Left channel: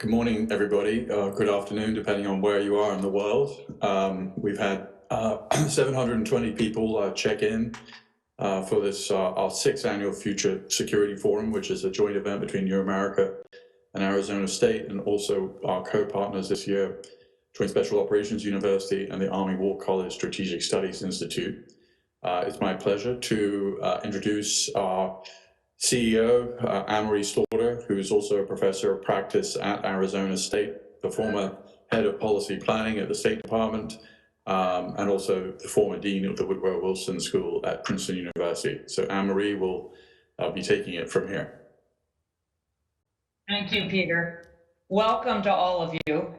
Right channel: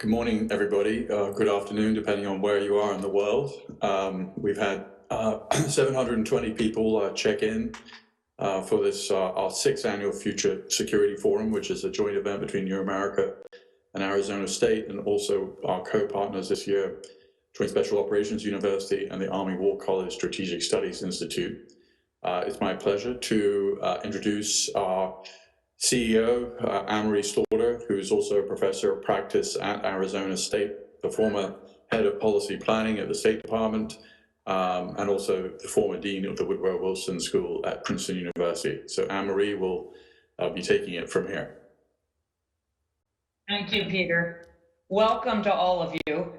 Good morning, everybody. Good afternoon, depending on where you are in the world. We've had 720 people check in for this, our sixth annual Future Security Forum, which is a joint event between New America and Arizona State, and also our co-partners this year, Joint Special Operations University and the Army War College Strategic Studies Institute. It's my pleasure to introduce our CEO, Anne-Marie Slaughter, who is also a professor of practice at Arizona State, the former head of policy planning at the State Department, and also the former dean of the Woodrow Wilson School at Princeton University. So Anne-Marie will be taking it from here. Thank you, Peter. Welcome to all of you.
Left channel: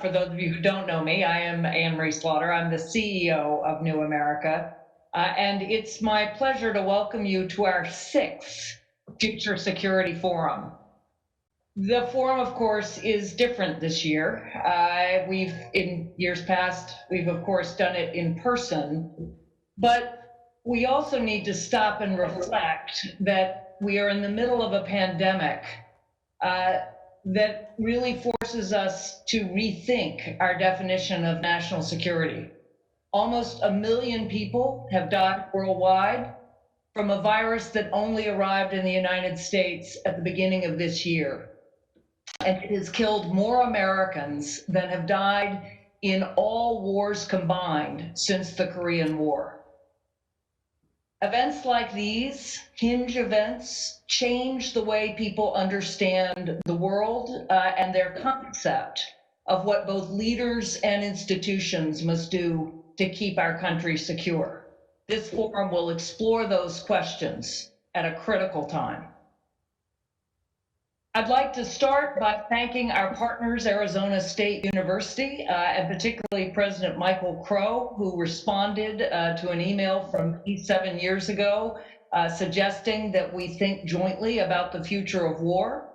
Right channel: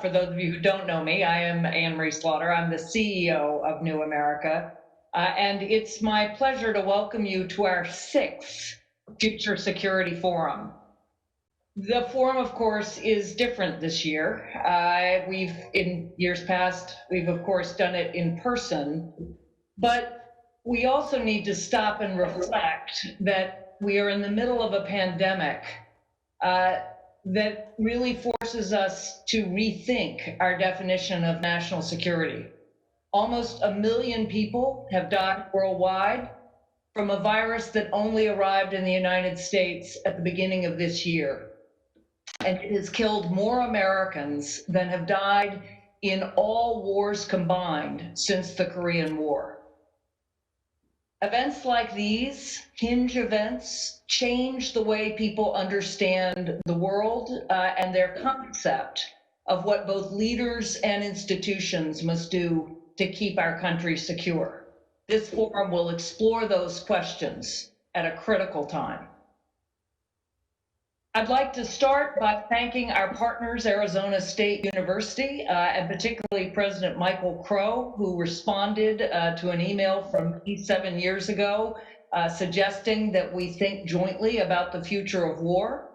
For those of you who don't know me, I am Anne-Marie Slaughter. I'm the CEO of New America. And it's my pleasure to welcome you to our sixth Future Security Forum. The forum, of course, is different this year. In years past, we've of course done it in person, but we also need to stop and reflect that we are in the middle of a pandemic that really forces us to rethink our definition of national security. Almost 1 million people have died worldwide from a virus that only arrived in the United States at the beginning of this year. And it has killed more Americans than have died in all wars combined since the Korean War. Events like these, hinge events, change the way people understand the world and their concept of what both leaders and institutions must do to keep our country secure. This forum will explore those questions at a critical time. I'd like to start by thanking our partners, Arizona State University, and particularly President Michael Crow, who responded to an email from me 7 years ago, suggesting that we think jointly about the future of war.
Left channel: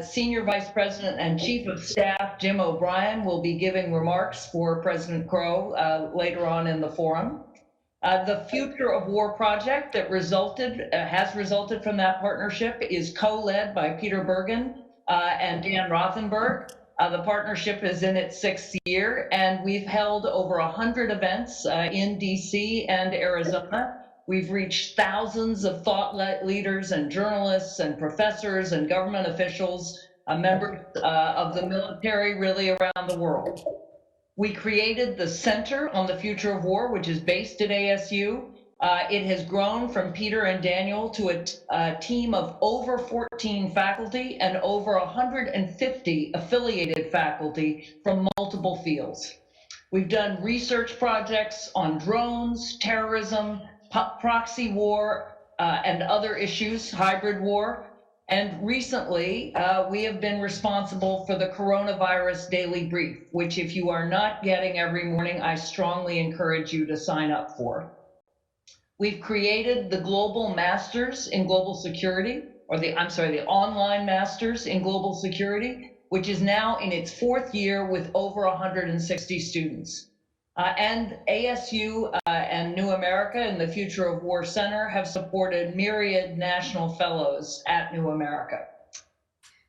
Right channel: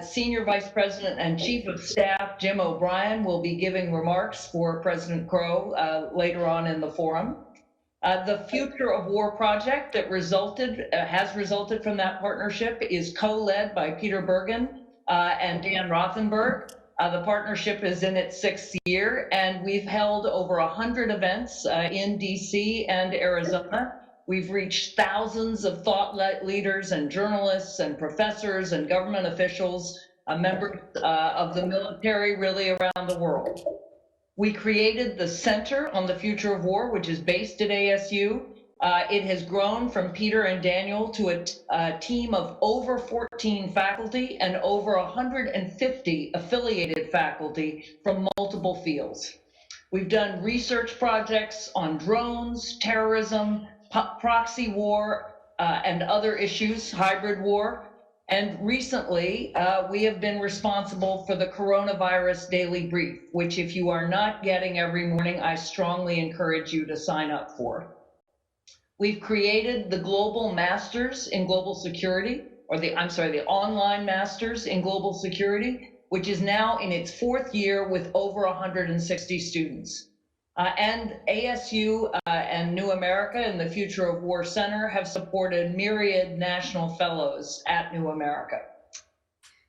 Senior Vice President and Chief of Staff Jim O'Brien will be giving remarks for President Crow later on in the forum. The Future of War project that has resulted from that partnership is co-led by Peter Bergen and Dan Rothenberg. The partnership is in its 6th year, and we've held over 100 events in DC and Arizona. We've reached thousands of thought leaders and journalists and professors and government officials, members of the military, really around the world. We created the Center on the Future of War, which is based at ASU. It has grown from Peter and Daniel to a team of over 14 faculty and over 150 affiliated faculty from multiple fields. We've done research projects on drones, terrorism, proxy war, and other issues, hybrid war. And recently, we have been responsible for the Coronavirus Daily Brief, which if you are not getting every morning, I strongly encourage you to sign up for. We've created the Global Masters in Global Security, or the Online Masters in Global Security, which is now in its 4th year with over 160 students. And ASU and New America and the Future of War Center have supported myriad national fellows at New America.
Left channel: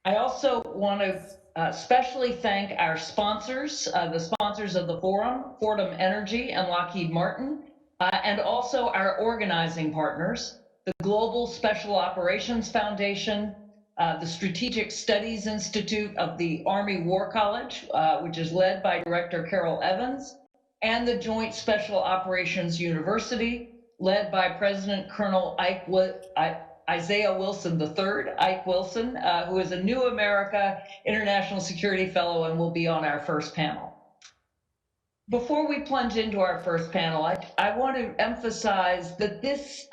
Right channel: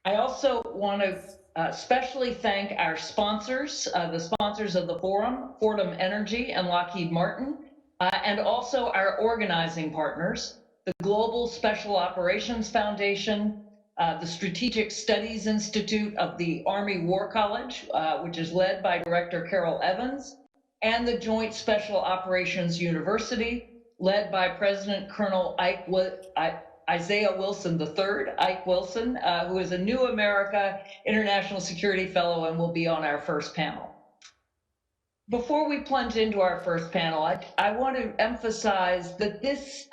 I also want to especially thank our sponsors, the sponsors of the forum, Fordham Energy and Lockheed Martin, and also our organizing partners, the Global Special Operations Foundation, the Strategic Studies Institute of the Army War College, which is led by Director Carol Evans, and the Joint Special Operations University, led by President Colonel Isaiah Wilson III, Ike Wilson, who is a New America International Security Fellow and will be on our first panel. Before we plunge into our first panel, I want to emphasize that this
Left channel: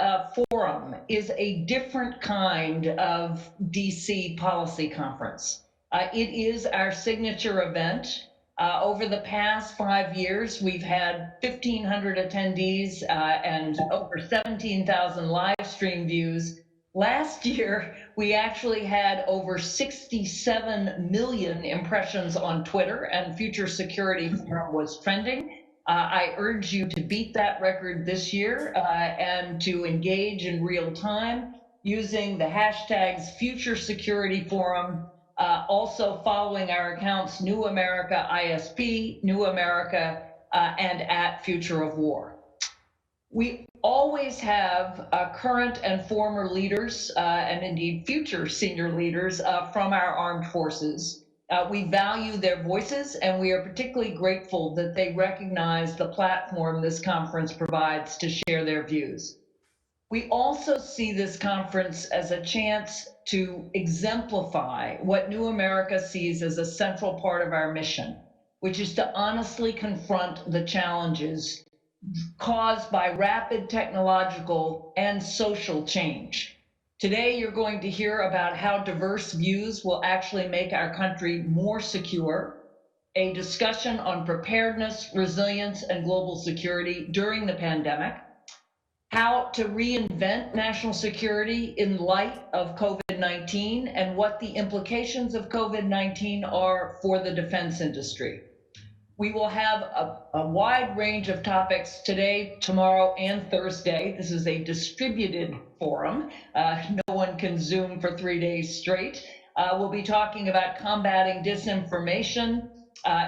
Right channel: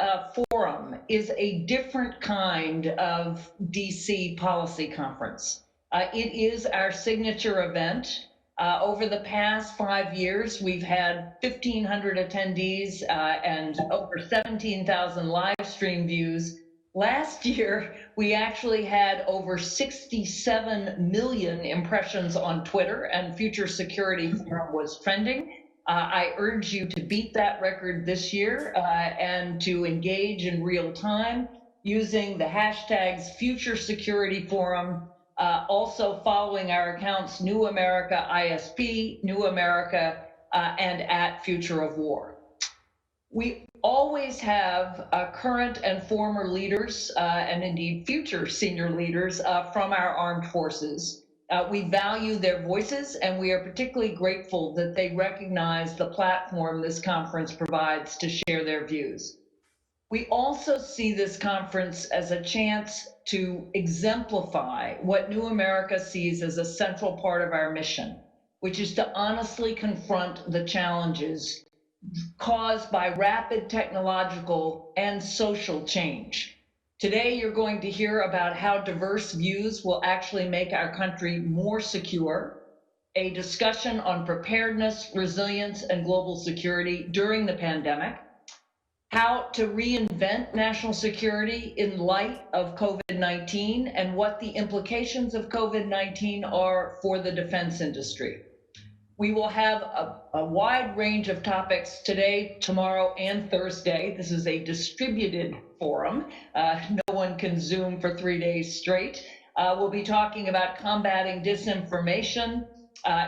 forum is a different kind of DC policy conference. It is our signature event. Over the past 5 years, we've had 1,500 attendees and over 17,000 live stream views. Last year, we actually had over 67 million impressions on Twitter, and Future Security Forum was trending. I urge you to beat that record this year and to engage in real time using the hashtags Future Security Forum, also following our accounts New America ISP, New America, and at Future of War. We always have current and former leaders and indeed future senior leaders from our armed forces. We value their voices, and we are particularly grateful that they recognize the platform this conference provides to share their views. We also see this conference as a chance to exemplify what New America sees as a central part of our mission, which is to honestly confront the challenges caused by rapid technological and social change. Today, you're going to hear about how diverse views will actually make our country more secure, a discussion on preparedness, resilience, and global security during the pandemic, how to reinvent national security in light of COVID-19, and what the implications of COVID-19 are for the defense industry. We will have a wide range of topics today, tomorrow, and Thursday. This is a distributed forum. No one can Zoom for 3 days straight. We'll be talking about combating disinformation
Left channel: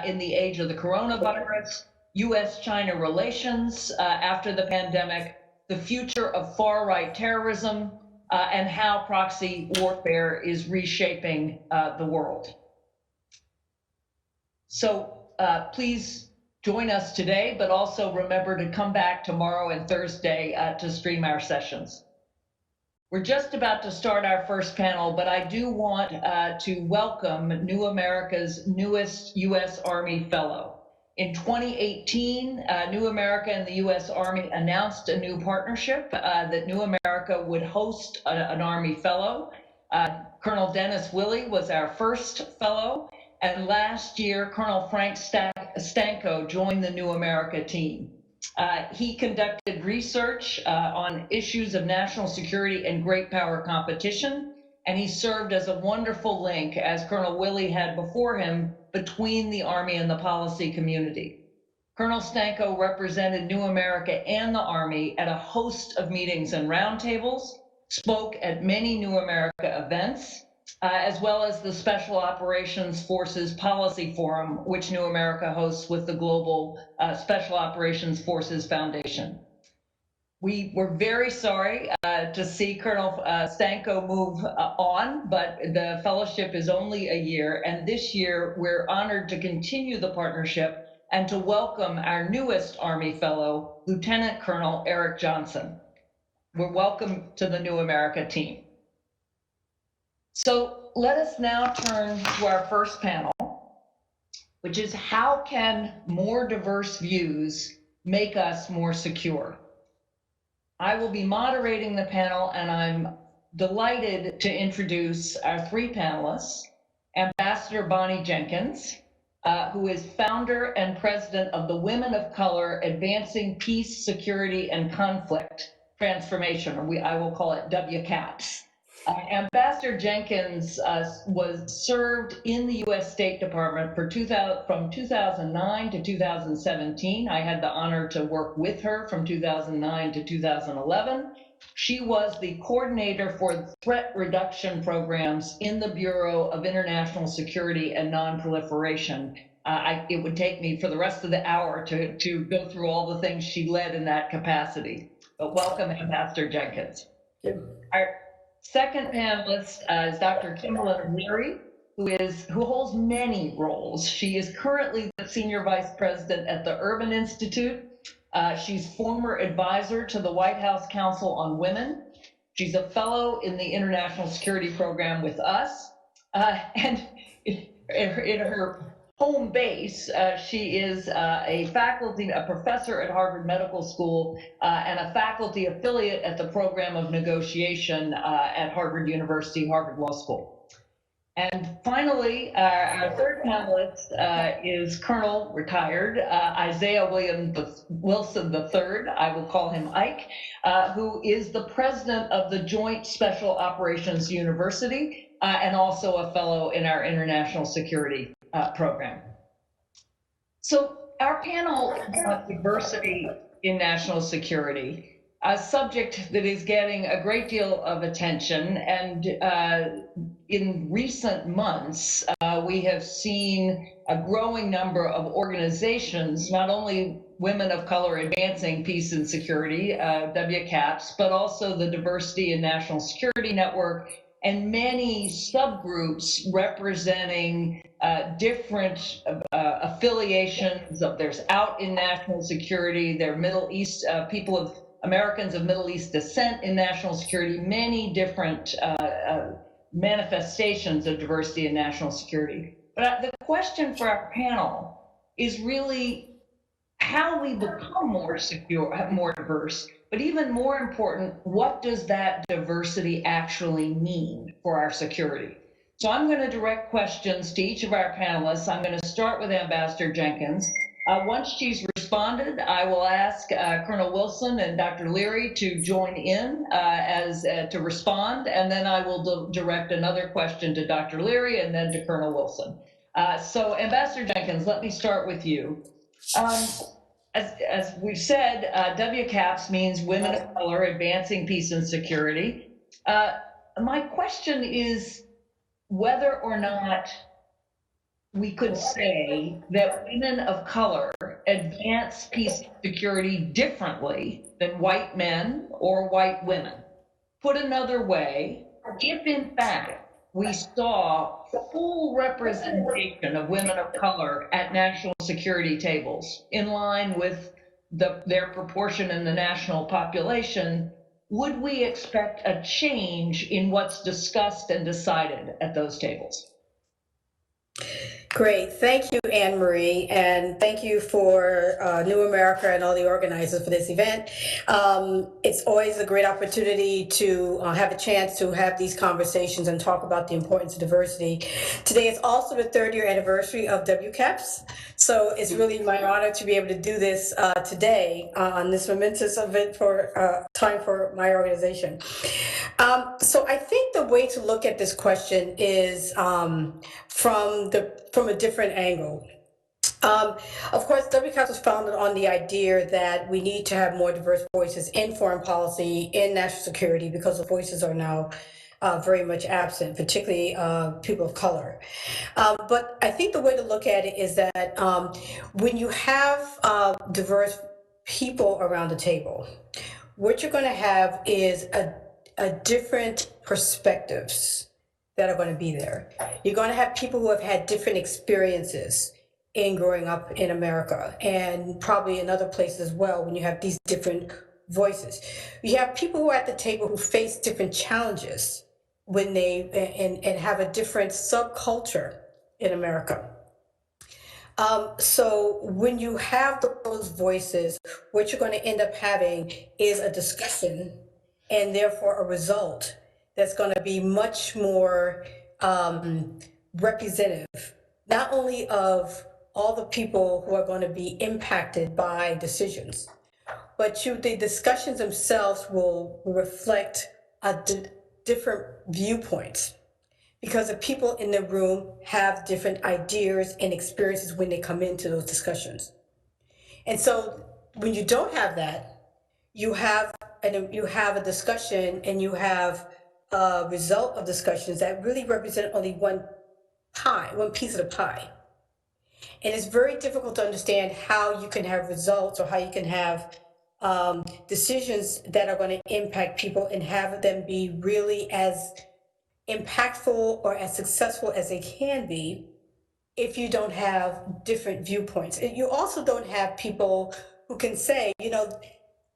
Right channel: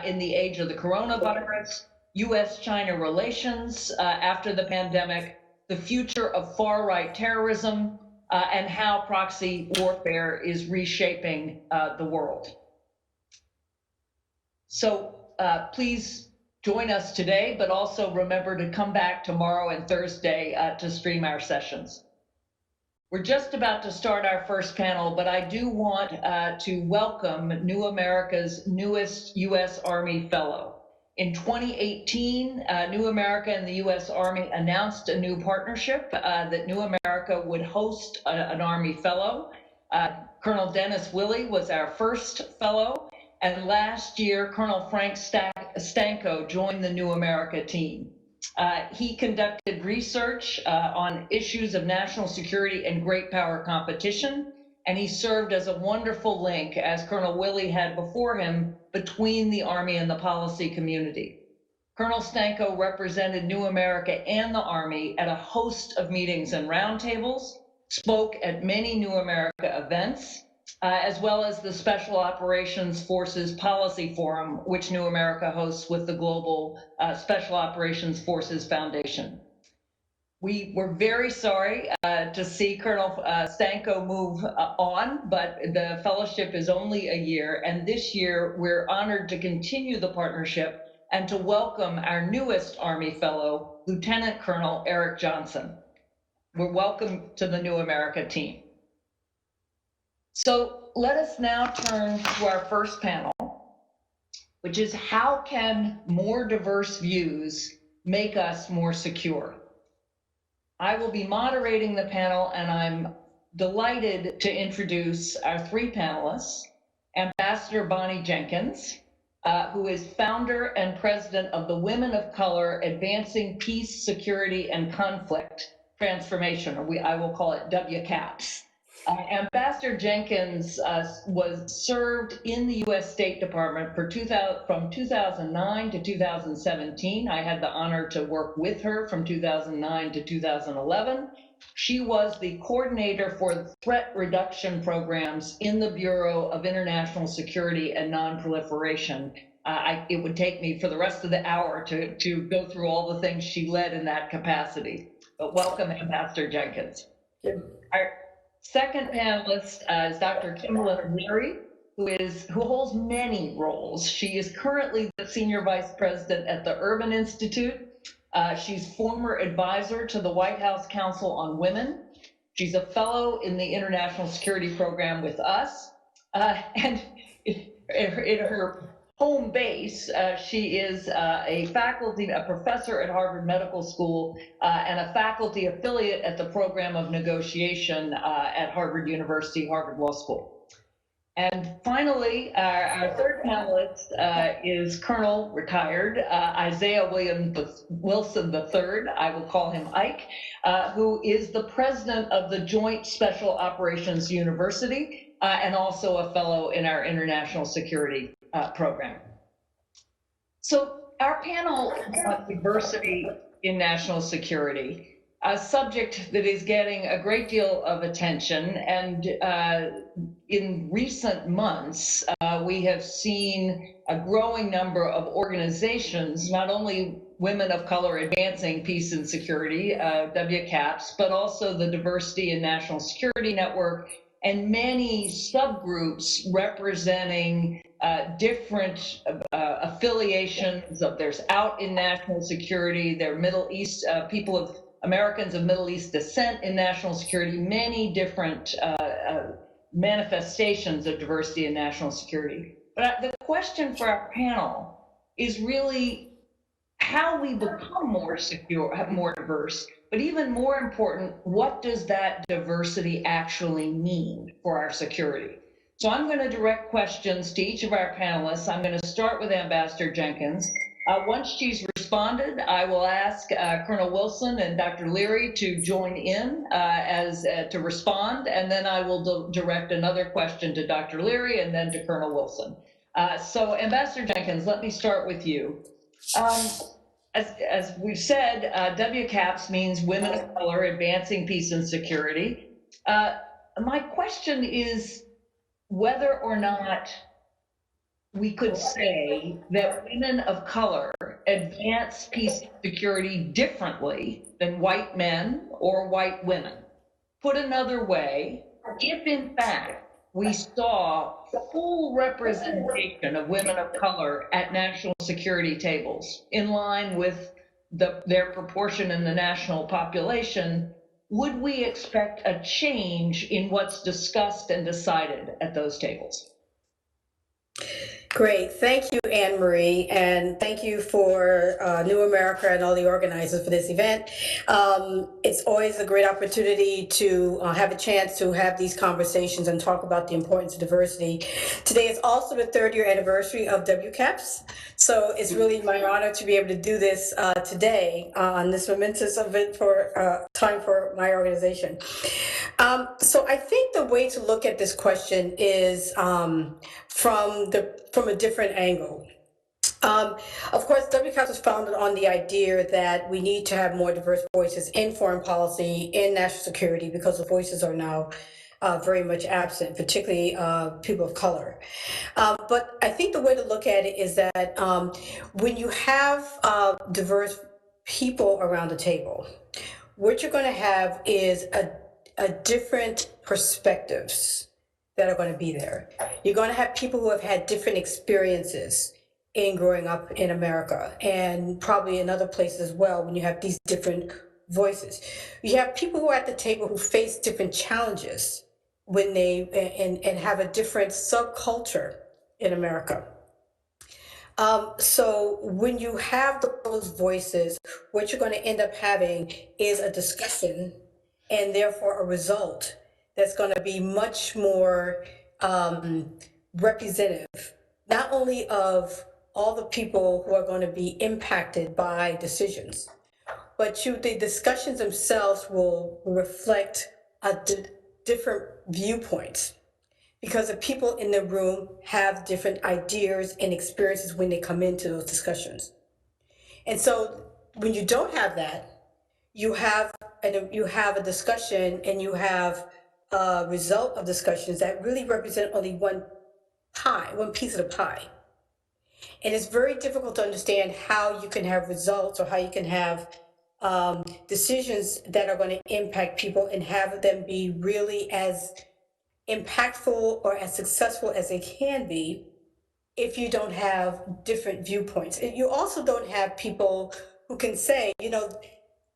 in the age of the coronavirus, US-China relations after the pandemic, the future of far-right terrorism, and how proxy warfare is reshaping the world. So please join us today, but also remember to come back tomorrow and Thursday to stream our sessions. We're just about to start our first panel, but I do want to welcome New America's newest U.S. Army Fellow. In 2018, New America and the U.S. Army announced a new partnership that New America would host an Army Fellow. Colonel Dennis Willey was our first fellow. And last year, Colonel Frank Stanko joined the New America team. He conducted research on issues of national security and great power competition, and he served as a wonderful link, as Colonel Willey had before him, between the Army and the policy community. Colonel Stanko represented New America and the Army at a host of meetings and roundtables, spoke at many New America events, as well as the Special Operations Forces Policy Forum, which New America hosts with the Global Special Operations Forces Foundation. We were very sorry to see Colonel Stanko move on, but the fellowship is only a year, and this year we're honored to continue the partnership and to welcome our newest Army Fellow, Lieutenant Colonel Eric Johnson. We're welcome to the New America team. So let us now turn to our first panel, which is how can more diverse views make us more secure? I will be moderating the panel, and I'm delighted to introduce our three panelists. Ambassador Bonnie Jenkins, who is founder and president of the Women of Color Advancing Peace, Security, and Conflict Transformation, or I will call it WCAPS. Ambassador Jenkins served in the U.S. State Department from 2009 to 2017. I had the honor to work with her from 2009 to 2011. She was the coordinator for threat reduction programs in the Bureau of International Security and Nonproliferation. It would take me for the rest of the hour to go through all the things she led in that capacity. But welcome, Ambassador Jenkins. Our second panelist is Dr. Kimberly Leary, who holds many roles. She is currently the Senior Vice President at the Urban Institute. She's former advisor to the White House Council on Women. She's a fellow in the International Security Program with us. And in her home base. She is a professor at Harvard Medical School, and a faculty affiliate at the program of negotiation at Harvard University, Harvard Law School. And finally, our third panelist is Colonel retired Isaiah Wilson III. I will call him Ike, who is the president of the Joint Special Operations University and also a fellow in our international security program. So our panel is about diversity in national security, a subject that is getting a great deal of attention. And in recent months, we have seen a growing number of organizations, not only Women of Color Advancing Peace and Security, WCAPS, but also the Diversity in National Security Network, and many subgroups representing different affiliations of there's out in national security, they're Middle East people of Americans of Middle East descent in national security, many different manifestations of diversity in national security. But the question for our panel is really how we become more secure, more diverse, but even more important, what does that diversity actually mean for our security? So I'm going to direct questions to each of our panelists. I'm going to start with Ambassador Jenkins. Once she's responded, I will ask Colonel Wilson and Dr. Leary to join in to respond, and then I will direct another question to Dr. Leary and then to Colonel Wilson. So Ambassador Jenkins, let me start with you. As we've said, WCAPS means Women of Color Advancing Peace and Security. My question is whether or not we could say that women of color advance peace and security differently than white men or white women. Put another way, if in fact we saw full representation of women of color at national security tables in line with their proportion in the national population, would we expect a change in what's discussed and decided at those tables? Great. Thank you, Anne Marie, and thank you for New America and all the organizers for this event. It's always a great opportunity to have a chance to have these conversations and talk about the importance of diversity. Today is also the 3rd year anniversary of WCAPS, so it's really my honor to be able to do this today on this momentous event for time for my organization. So I think the way to look at this question is from a different angle. Of course, WCAPS was founded on the idea that we need to have more diverse voices in foreign policy, in national security, because the voices are now very much absent, particularly people of color. But I think the way to look at it is that when you have diverse people around the table, what you're going to have is a different perspectives that are going to be there. You're going to have people who have had different experiences in growing up in America and probably in other places as well when you have these different voices. You have people who are at the table who face different challenges when they and have a different subculture in America. So when you have those voices, what you're going to end up having is a discussion and therefore a result that's going to be much more representative, not only of all the people who are going to be impacted by decisions, but the discussions themselves will reflect different viewpoints, because the people in the room have different ideas and experiences when they come into those discussions. And so when you don't have that, you have a discussion and you have a result of discussions that really represent only one piece of the pie. And it's very difficult to understand how you can have results or how you can have decisions that are going to impact people and have them be really as impactful or as successful as they can be if you don't have different viewpoints. And you also don't have people who can say,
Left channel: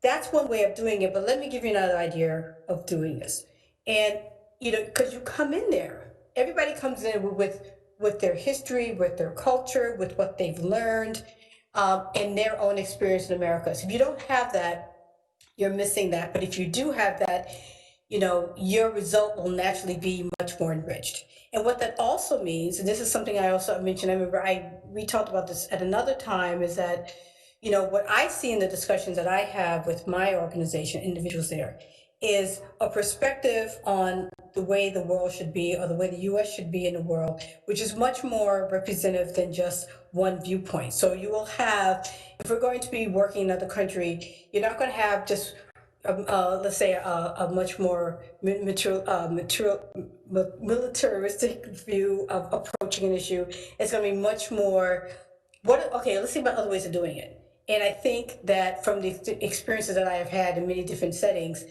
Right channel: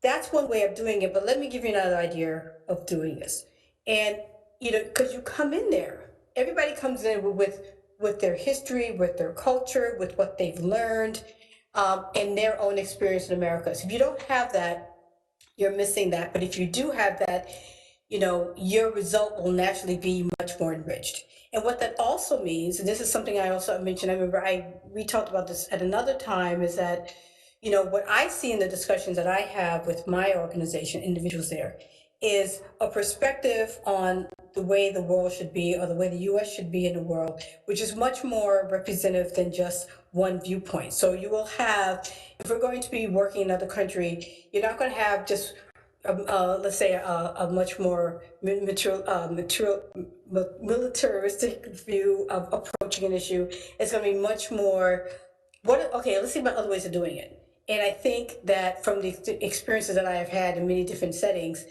that's one way of doing it, but let me give you another idea of doing this. And, because you come in there, everybody comes in with with their history, with their culture, with what they've learned, and their own experience in America. So if you don't have that, you're missing that. But if you do have that, your result will naturally be much more enriched. And what that also means, and this is something I also mentioned, I remember we talked about this at another time, is that, what I see in the discussions that I have with my organization, individuals there, is a perspective on the way the world should be, or the way the US should be in the world, which is much more representative than just one viewpoint. So you will have, if we're going to be working in another country, you're not going to have just let's say a much more militaristic view of approaching an issue. It's going to be much more, okay, let's think about other ways of doing it. And I think that from the experiences that I have had in many different settings,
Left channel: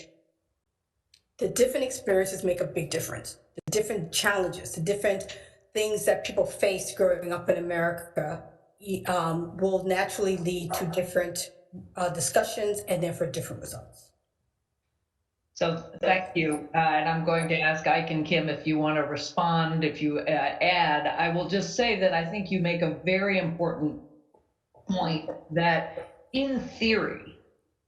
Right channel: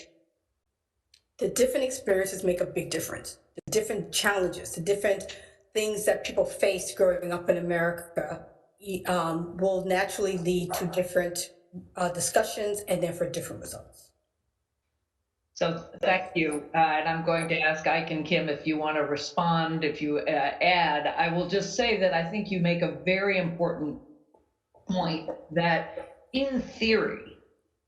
the different experiences make a big difference. The different challenges, the different things that people face growing up in America will naturally lead to different discussions and therefore different results. So thank you. And I'm going to ask Ike and Kim if you want to respond, if you add. I will just say that I think you make a very important point that in theory,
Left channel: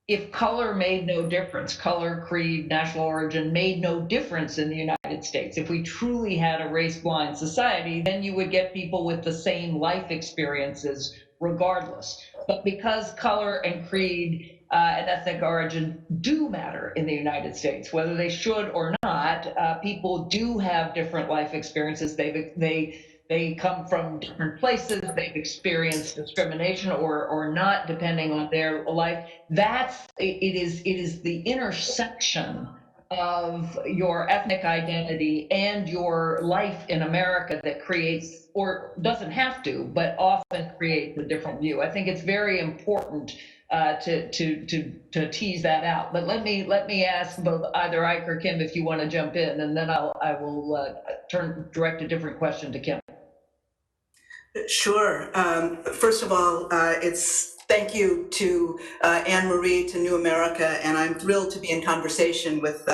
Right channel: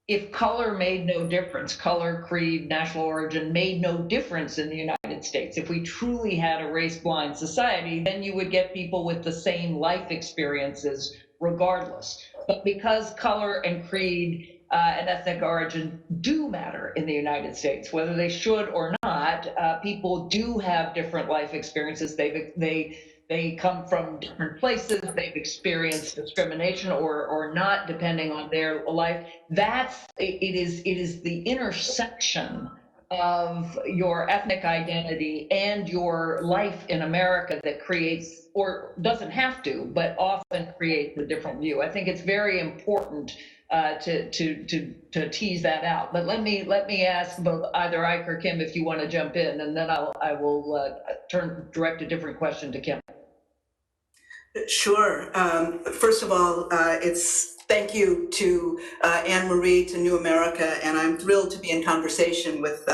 if color made no difference, color, creed, national origin made no difference in the United States, if we truly had a race-blind society, then you would get people with the same life experiences regardless. But because color and creed and ethnic origin do matter in the United States, whether they should or not, people do have different life experiences. They come from different places. They've experienced discrimination or not, depending on their life. It is the intersection of your ethnic identity and your life in America that creates, or doesn't have to, but often creates a different view. I think it's very important to tease that out. But let me ask both either Ike or Kim if you want to jump in, and then I will direct a different question to Kim. Sure. First of all, thank you to Anne Marie, to New America, and I'm thrilled to be in conversation with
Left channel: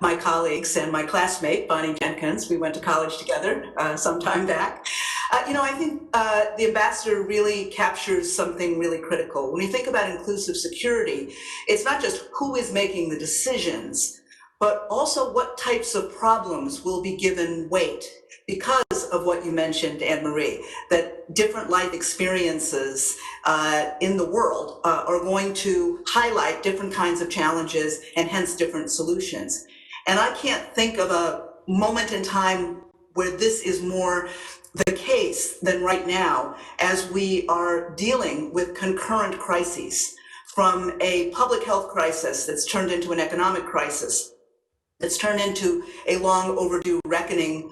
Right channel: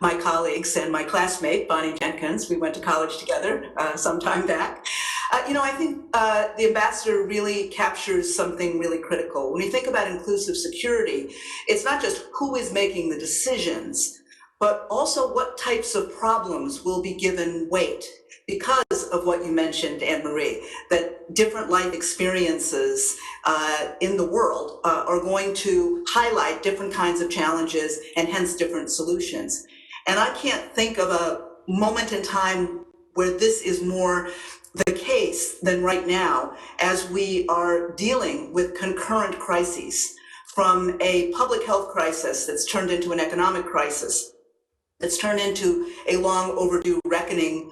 my colleagues and my classmate, Bonnie Jenkins. We went to college together some time back. I think the ambassador really captures something really critical. When you think about inclusive security, it's not just who is making the decisions, but also what types of problems will be given weight, because of what you mentioned, Anne Marie, that different life experiences in the world are going to highlight different kinds of challenges and hence different solutions. And I can't think of a moment in time where this is more the case than right now, as we are dealing with concurrent crises, from a public health crisis that's turned into an economic crisis, that's turned into a long overdue reckoning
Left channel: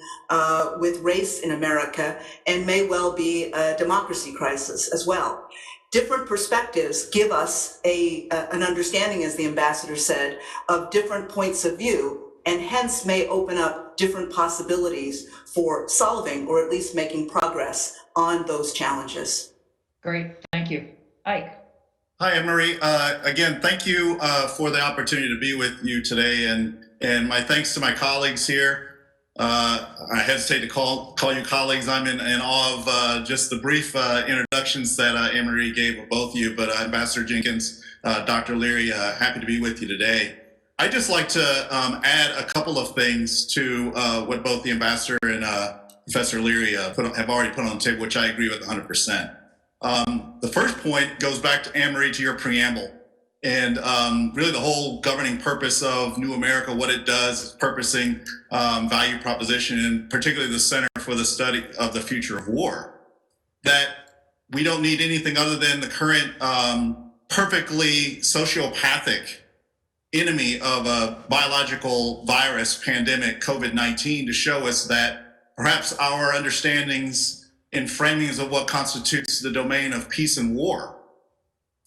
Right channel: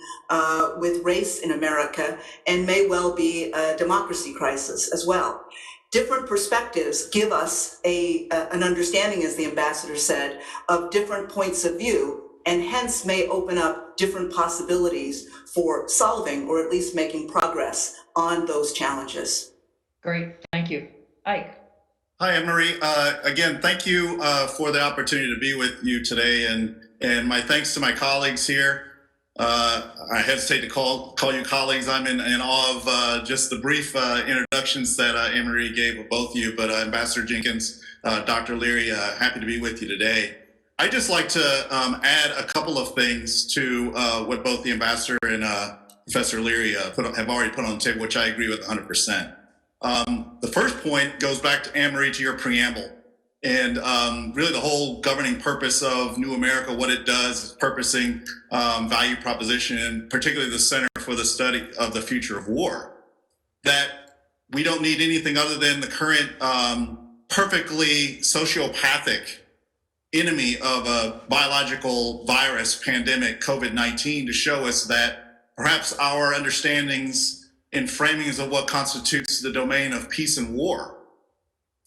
with race in America, and may well be a democracy crisis as well. Different perspectives give us an understanding, as the ambassador said, of different points of view, and hence may open up different possibilities for solving, or at least making progress on those challenges. Great, thank you. Ike. Hi, Anne-Marie. Again, thank you for the opportunity to be with you today, and my thanks to my colleagues here. I hesitate to call you colleagues. I'm in awe of just the brief introductions that Anne-Marie gave of both of you, but Ambassador Jenkins, Dr. Leary, happy to be with you today. I'd just like to add a couple of things to what both the ambassador and Professor Leary have already put on the table, which I agree with 100%. The first point goes back to Anne-Marie, to your preamble, and really the whole governing purpose of New America, what it does, is purposing value proposition, and particularly the Center for the Study of the Future of War, that we don't need anything other than the current perfectly sociopathic enemy of a biological virus pandemic, COVID-19, to show us that perhaps our understandings and framings of what constitutes the domain of peace and war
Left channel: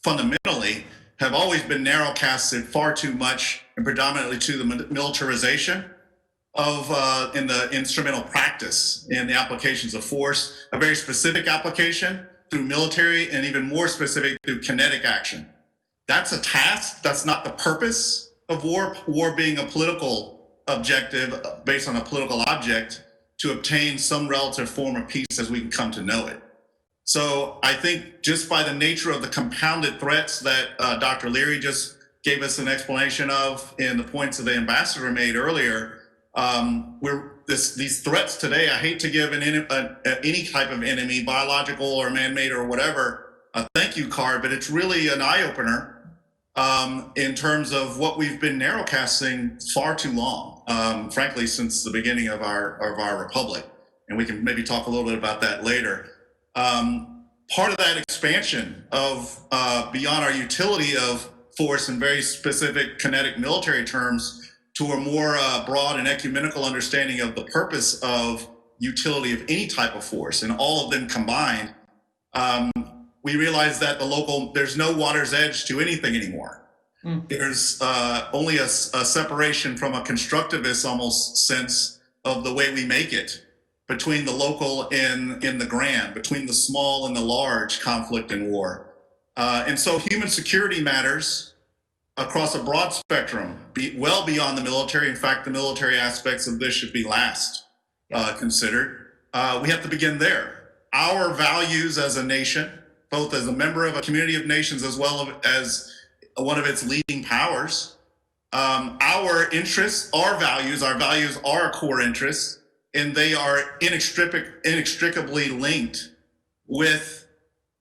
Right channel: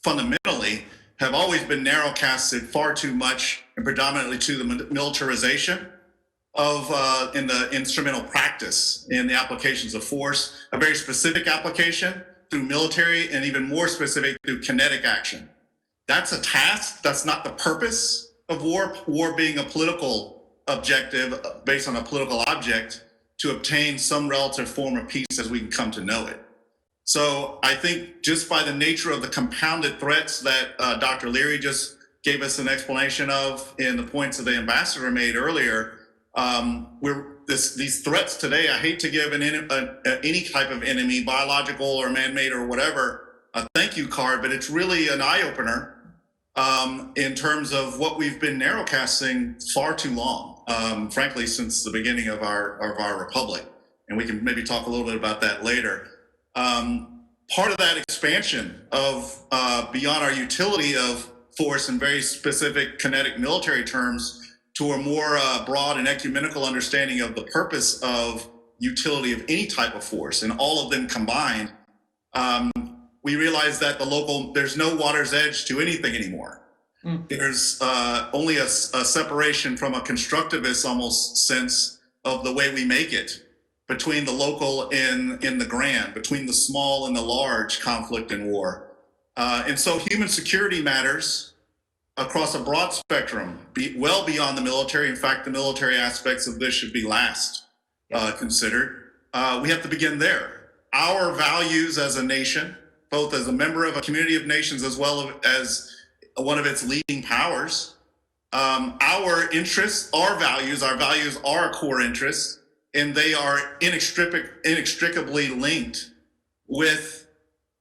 fundamentally have always been narrowcasted far too much, and predominantly to the militarization of in the instrumental practice in the applications of force, a very specific application through military, and even more specific through kinetic action. That's a task. That's not the purpose of war. War being a political objective based on a political object to obtain some relative form of peace as we can come to know it. So I think just by the nature of the compounded threats that Dr. Leary just gave us an explanation of in the points that the ambassador made earlier, these threats today, I hate to give any type of enemy, biological or man-made or whatever, a thank you card, but it's really an eye-opener in terms of what we've been narrowcasting far too long, frankly, since the beginning of our republic. And we can maybe talk a little bit about that later. Part of that expansion of beyond our utility of force in very specific kinetic military terms to a more broad and ecumenical understanding of the purpose of utility of any type of force, and all of them combined, we realize that there's no water's edge to anything anymore. There's only a separation from a constructivist almost sense of the way we make it between the local and the grand, between the small and the large conflict and war. And so human security matters across a broad spectrum, well beyond the military. In fact, the military aspects of this should be last considered. We have to begin there. Our values as a nation, both as a member of a community of nations as well as one of its leading powers, our interests, our values are core interests, and they are inextricably linked with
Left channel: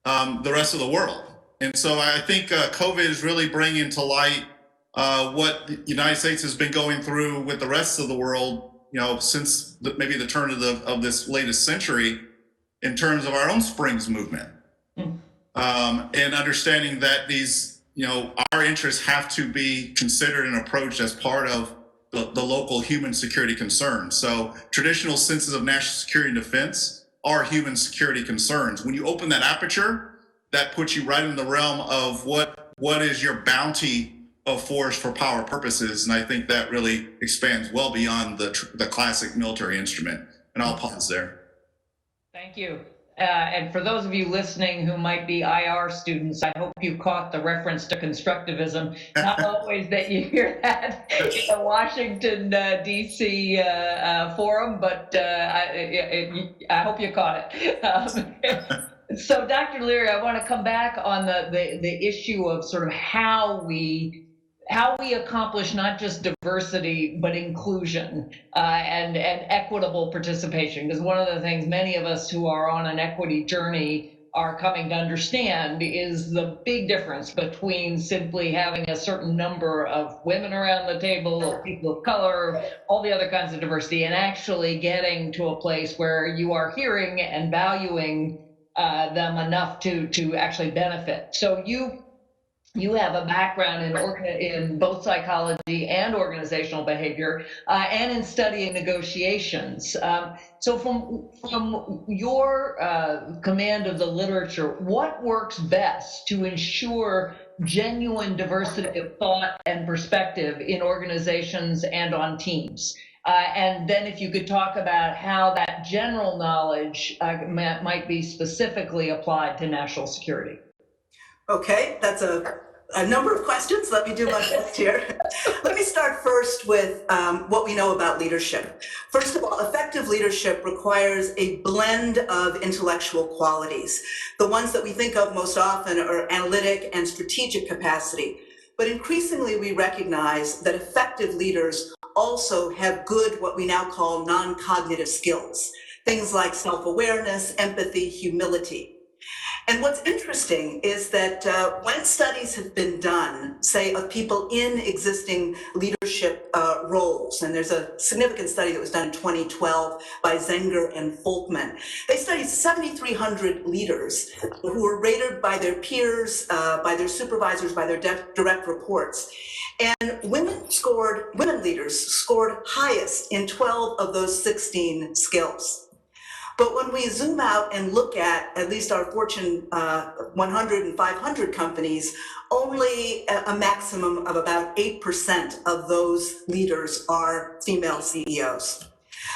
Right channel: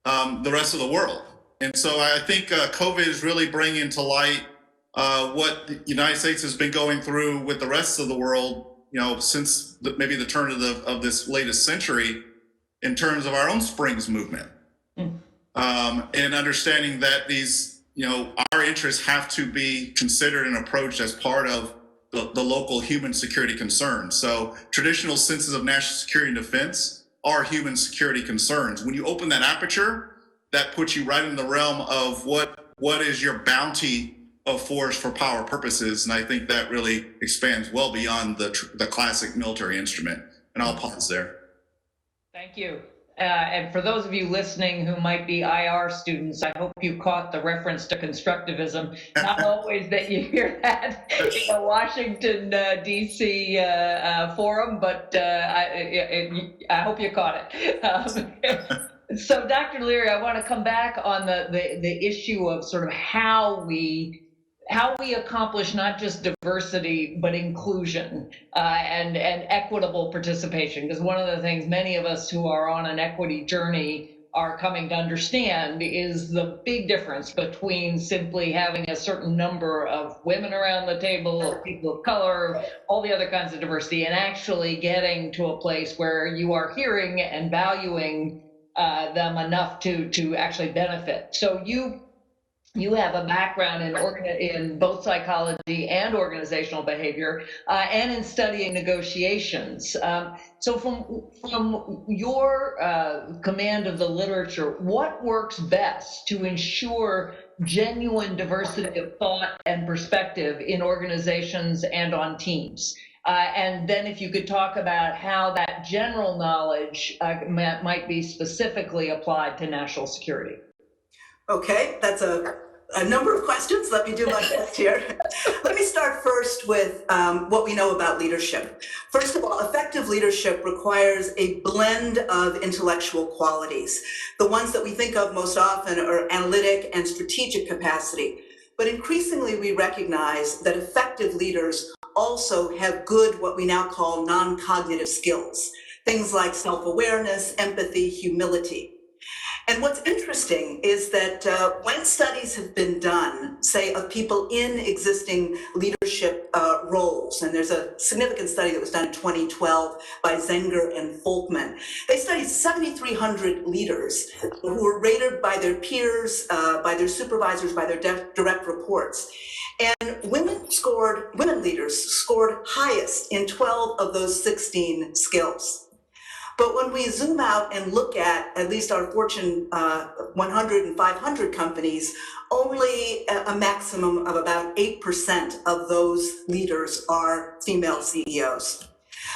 the rest of the world. And so I think COVID is really bringing to light what the United States has been going through with the rest of the world, since maybe the turn of this latest century, in terms of our own Springs movement, and understanding that these, our interests have to be considered and approached as part of the local human security concerns. So traditional senses of national security and defense are human security concerns. When you open that aperture, that puts you right in the realm of what is your bounty of force for power purposes. And I think that really expands well beyond the classic military instrument. And I'll pause there. Thank you. And for those of you listening who might be IR students, I hope you caught the reference to constructivism. Not always that you hear that in the Washington, D.C. Forum, but I hope you caught it. So, Dr. Leary, I want to come back on the issue of sort of how we accomplish not just diversity, but inclusion and equitable participation. Because one of the things many of us who are on an equity journey are coming to understand is the big difference between simply having a certain number of women around the table, of people of color, all the other kinds of diversity, and actually getting to a place where you are hearing and valuing them enough to actually benefit. So you have a background in both psychology and organizational behavior, and in studying negotiations. So from your command of the literature, what works best to ensure genuine diversity of thought and perspective in organizations and on teams? And then if you could talk about how that general knowledge might be specifically applied to national security. Okay, that's a number of questions. Let me do my best here. Let me start first with what we know about leadership. First of all, effective leadership requires a blend of intellectual qualities. The ones that we think of most often are analytic and strategic capacity. But increasingly, we recognize that effective leaders also have good, what we now call non-cognitive skills, things like self-awareness, empathy, humility. And what's interesting is that when studies have been done, say of people in existing leadership roles, and there's a significant study that was done in 2012 by Zenger and Folkman, they studied 7,300 leaders who were rated by their peers, by their supervisors, by their direct reports. And women leaders scored highest in 12 of those 16 skills. But when we zoom out and look at least our Fortune 100 and 500 companies, only a maximum of about 8% of those leaders are female CEOs.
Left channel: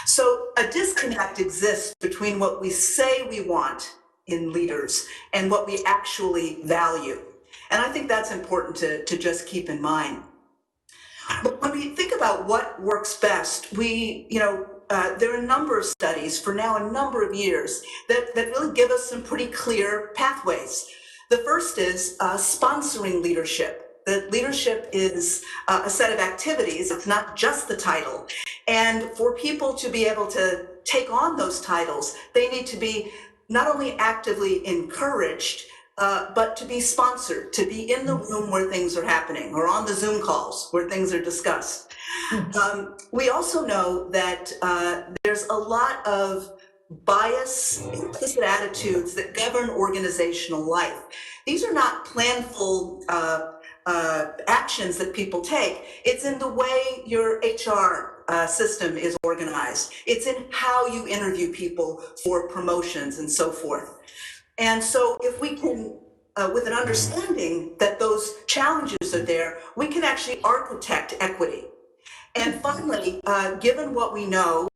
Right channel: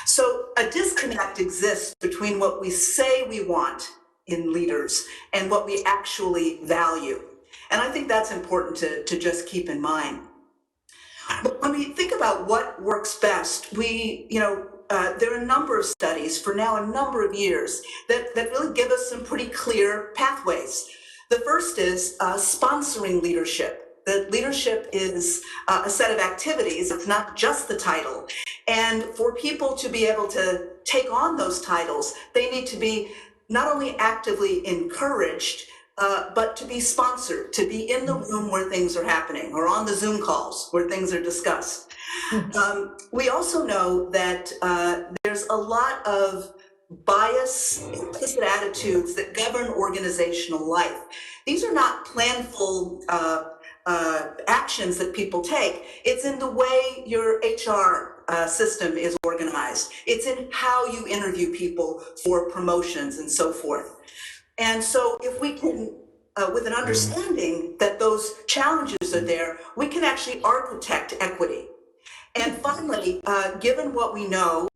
So a disconnect exists between what we say we want in leaders and what we actually value. And I think that's important to just keep in mind. But when we think about what works best, there are a number of studies for now a number of years that really give us some pretty clear pathways. The first is sponsoring leadership. That leadership is a set of activities, it's not just the title. And for people to be able to take on those titles, they need to be not only actively encouraged, but to be sponsored, to be in the room where things are happening or on the Zoom calls where things are discussed. We also know that there's a lot of bias, implicit attitudes that govern organizational life. These are not planful actions that people take. It's in the way your HR system is organized. It's in how you interview people for promotions and so forth. And so if we can, with an understanding that those challenges are there, we can actually architect equity. And finally, given what we know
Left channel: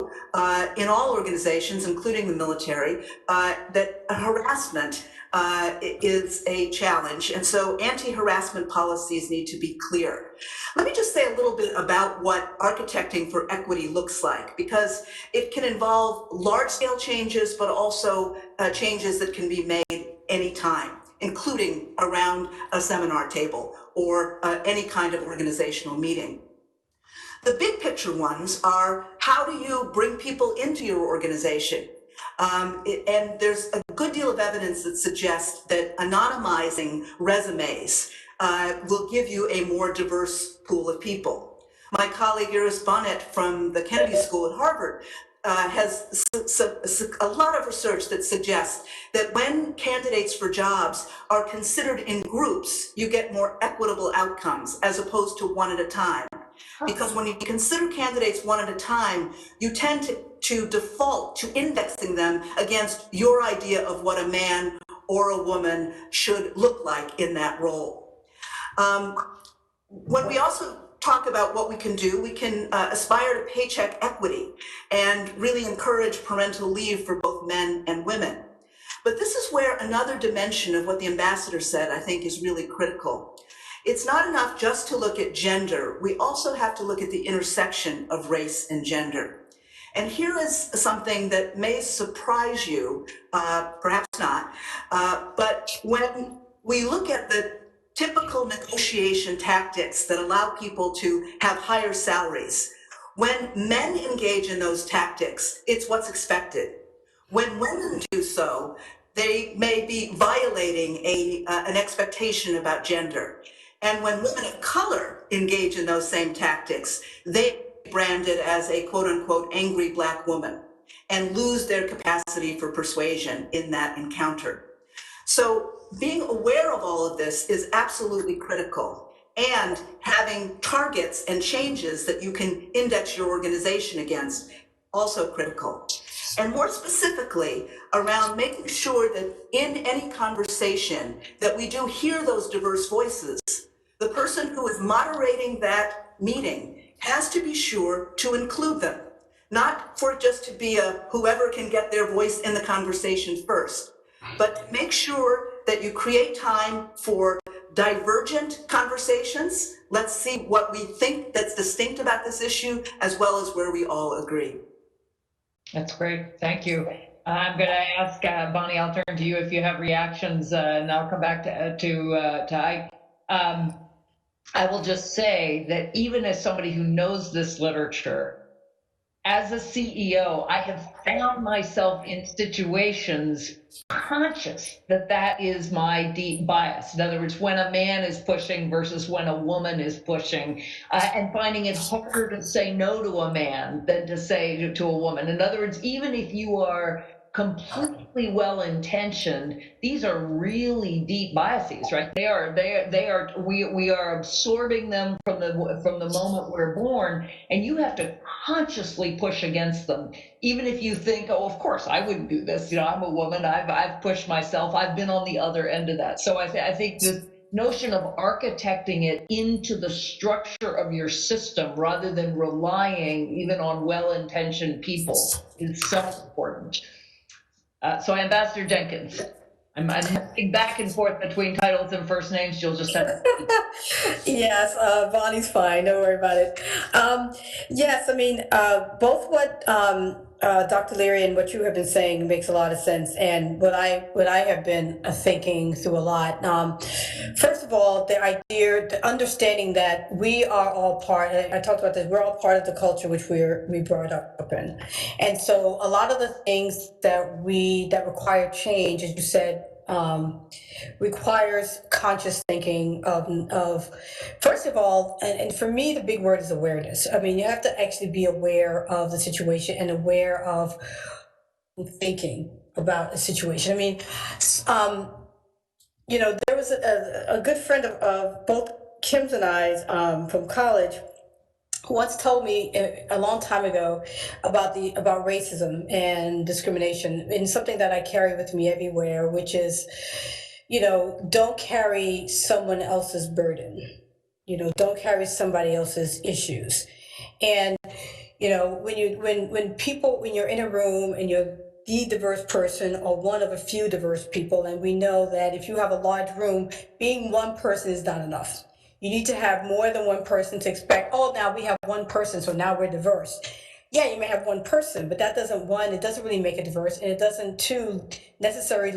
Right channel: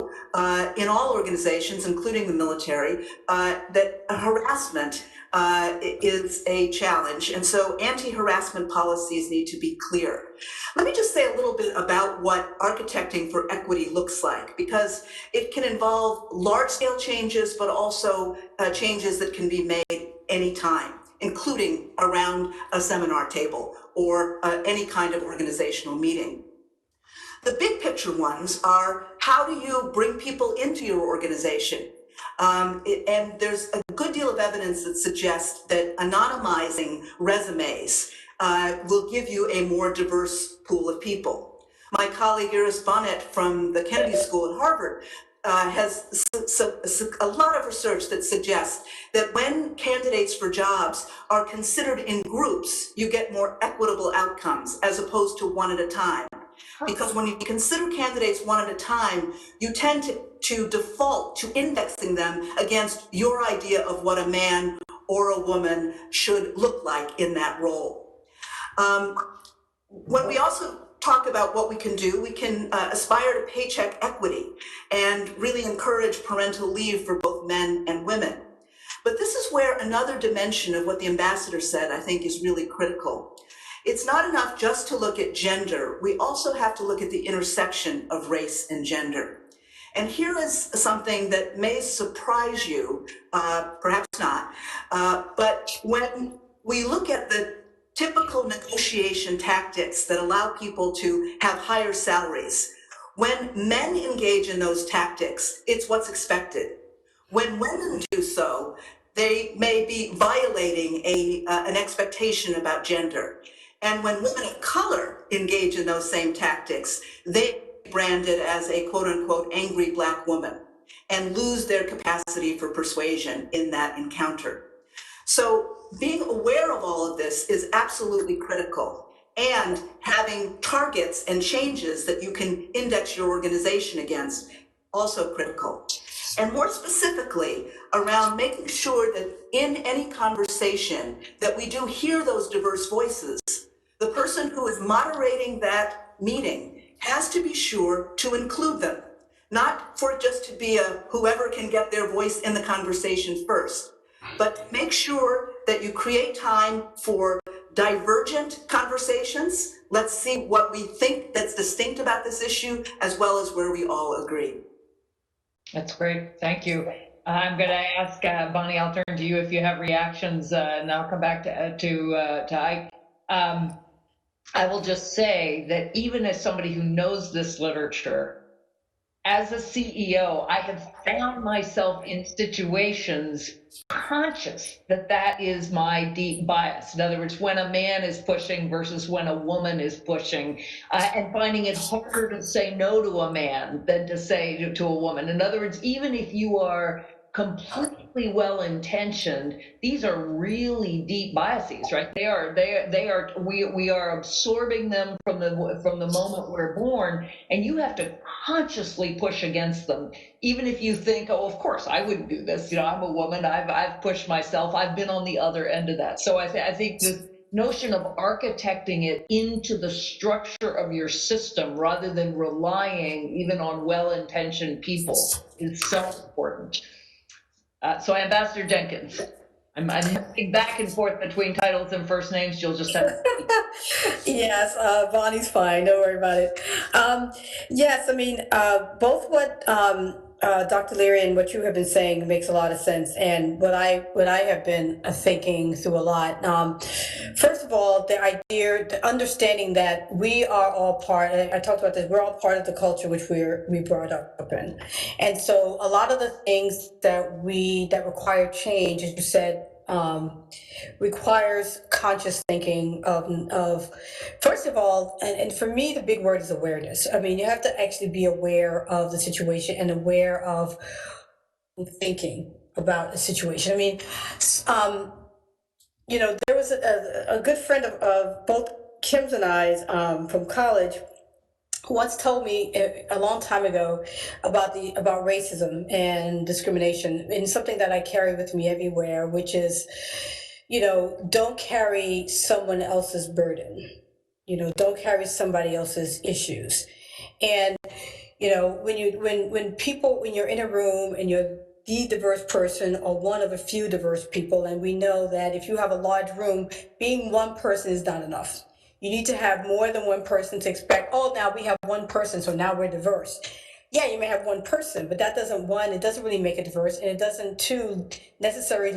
in all organizations, including the military, that harassment is a challenge. And so anti-harassment policies need to be clear. Let me just say a little bit about what architecting for equity looks like, because it can involve large-scale changes, but also changes that can be made anytime, including around a seminar table or any kind of organizational meeting. The big picture ones are, how do you bring people into your organization? And there's a good deal of evidence that suggests that anonymizing resumes will give you a more diverse pool of people. My colleague Iris Bonnet from the Kennedy School at Harvard has a lot of research that suggests that when candidates for jobs are considered in groups, you get more equitable outcomes as opposed to one at a time. Because when you consider candidates one at a time, you tend to default to indexing them against your idea of what a man or a woman should look like in that role. When we also talk about what we can do, we can aspire to paycheck equity and really encourage parental leave for both men and women. But this is where another dimension of what the ambassador said, I think, is really critical. It's not enough just to look at gender. We also have to look at the intersection of race and gender. And here is something that may surprise you, perhaps not, but when we look at the typical negotiation tactics that allow people to have higher salaries, when men engage in those tactics, it's what's expected. When women do so, they may be violating an expectation about gender. And when women of color engage in those same tactics, they are branded as a quote unquote angry Black woman and lose their capacity for persuasion in that encounter. So being aware of all of this is absolutely critical, and having targets and changes that you can index your organization against, also critical. And more specifically, around making sure that in any conversation that we do hear those diverse voices, the person who is moderating that meeting has to be sure to include them, not for it just to be a whoever can get their voice in the conversation first, but to make sure that you create time for divergent conversations. Let's see what we think that's distinct about this issue, as well as where we all agree. That's great. Thank you. I'm going to ask Bonnie, I'll turn to you if you have reactions, and I'll come back to Ike. I will just say that even as somebody who knows this literature, as a CEO, I have found myself in situations conscious that that is my deep bias. In other words, when a man is pushing versus when a woman is pushing, and finding it harder to say no to a man than to say to a woman. In other words, even if you are completely well-intentioned, these are really deep biases, right? We are absorbing them from the moment we're born, and you have to consciously push against them. Even if you think, oh, of course, I wouldn't do this. You know, I'm a woman. I've pushed myself. I've been on the other end of that. So I think this notion of architecting it into the structure of your system rather than relying even on well-intentioned people is so important. So Ambassador Jenkins. I'm moving back and forth between titles and first names. You'll just have to. Yes, Bonnie's fine. Don't worry about it. Yes, I mean, both what Dr. Leary and what you have been saying makes a lot of sense, and what I have been thinking through a lot. First of all, the idea, the understanding that we are all part. I talked about this. We're all part of the culture which we brought up in, and so a lot of the things that require change, as you said. Requires conscious thinking of first of all, and for me the big word is awareness. I mean, you have to actually be aware of the situation and aware of thinking about a situation. I mean, um, there was a good friend of both Kim's and I's from college who once told me a long time ago about racism and discrimination, and something that I carry with me everywhere, which is, don't carry someone else's burden. Don't carry somebody else's issues. And when you're in a room and you're the diverse person or one of a few diverse people, and we know that if you have a large room, being one person is not enough. You need to have more than one person to expect, oh, now we have one person, so now we're diverse. Yeah, you may have one person, but that doesn't, one, it doesn't really make it diverse, and it doesn't, two, necessarily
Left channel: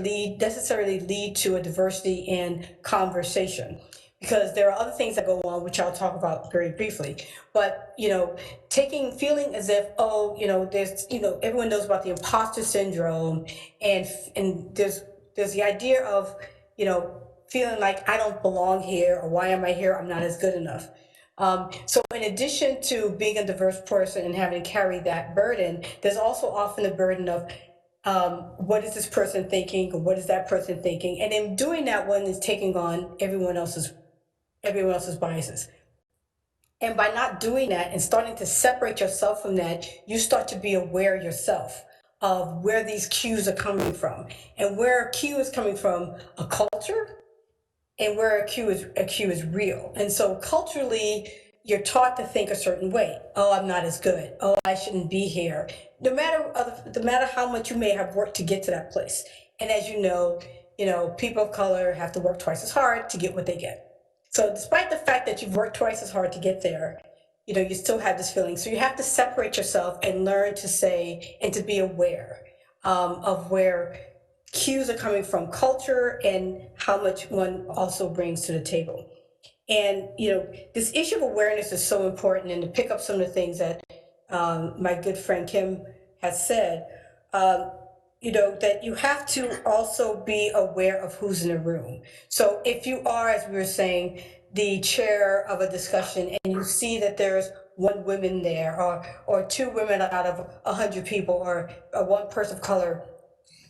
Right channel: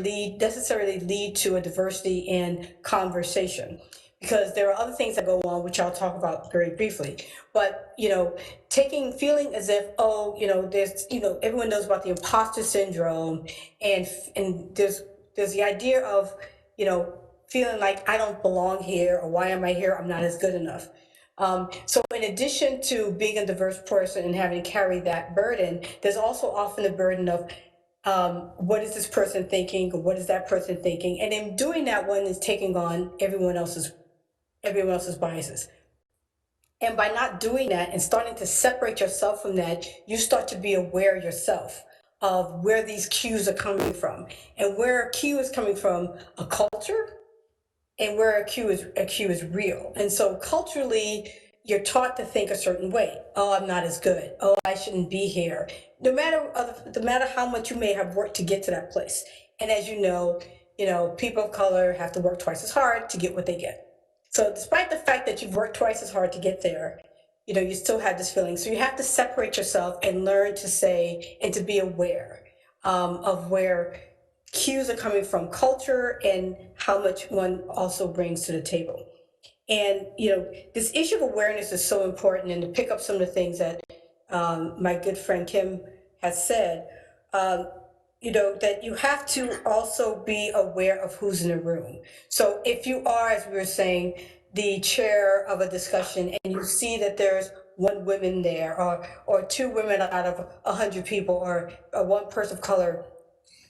lead to a diversity in conversation. Because there are other things that go on, which I'll talk about very briefly. But, feeling as if, oh, there's, everyone knows about the imposter syndrome, and there's the idea of, feeling like I don't belong here, or why am I here? I'm not as good enough. So in addition to being a diverse person and having to carry that burden, there's also often the burden of what is this person thinking, or what is that person thinking? And in doing that, one is taking on everyone else's biases. And by not doing that and starting to separate yourself from that, you start to be aware yourself of where these cues are coming from, and where a cue is coming from a culture, and where a cue is real. And so culturally, you're taught to think a certain way. Oh, I'm not as good. Oh, I shouldn't be here. No matter how much you may have worked to get to that place. And as people of color have to work twice as hard to get what they get. So despite the fact that you've worked twice as hard to get there, you still have this feeling. So you have to separate yourself and learn to say and to be aware of where cues are coming from culture and how much one also brings to the table. And, this issue of awareness is so important. And to pick up some of the things that my good friend Kim has said, that you have to also be aware of who's in the room. So if you are, as we were saying, the chair of a discussion, and you see that there's one woman there, or two women out of 100 people, or one person of color,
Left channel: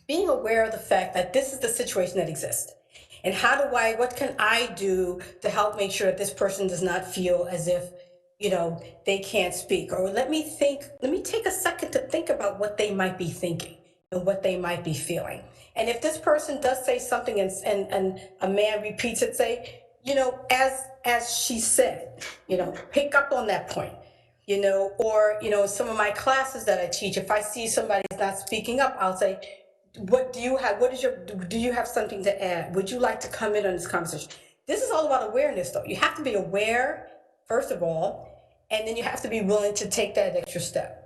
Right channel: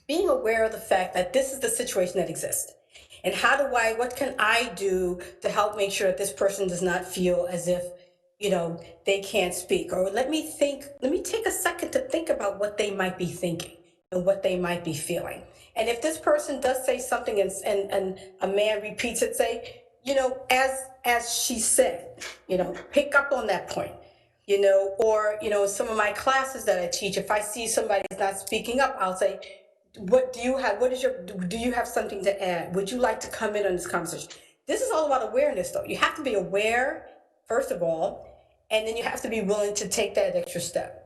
being aware of the fact that this is the situation that exists. And what can I do to help make sure that this person does not feel as if, they can't speak? Or let me take a second to think about what they might be thinking and what they might be feeling. And if this person does say something and a man repeats it, say, as she said, pick up on that point. Or, some of my classes that I teach, if I see somebody's not speaking up, I'll say, do you have something to add? Would you like to come in on this conversation? This is all about awareness, though. You have to be aware, first of all, and then you have to be willing to take that extra step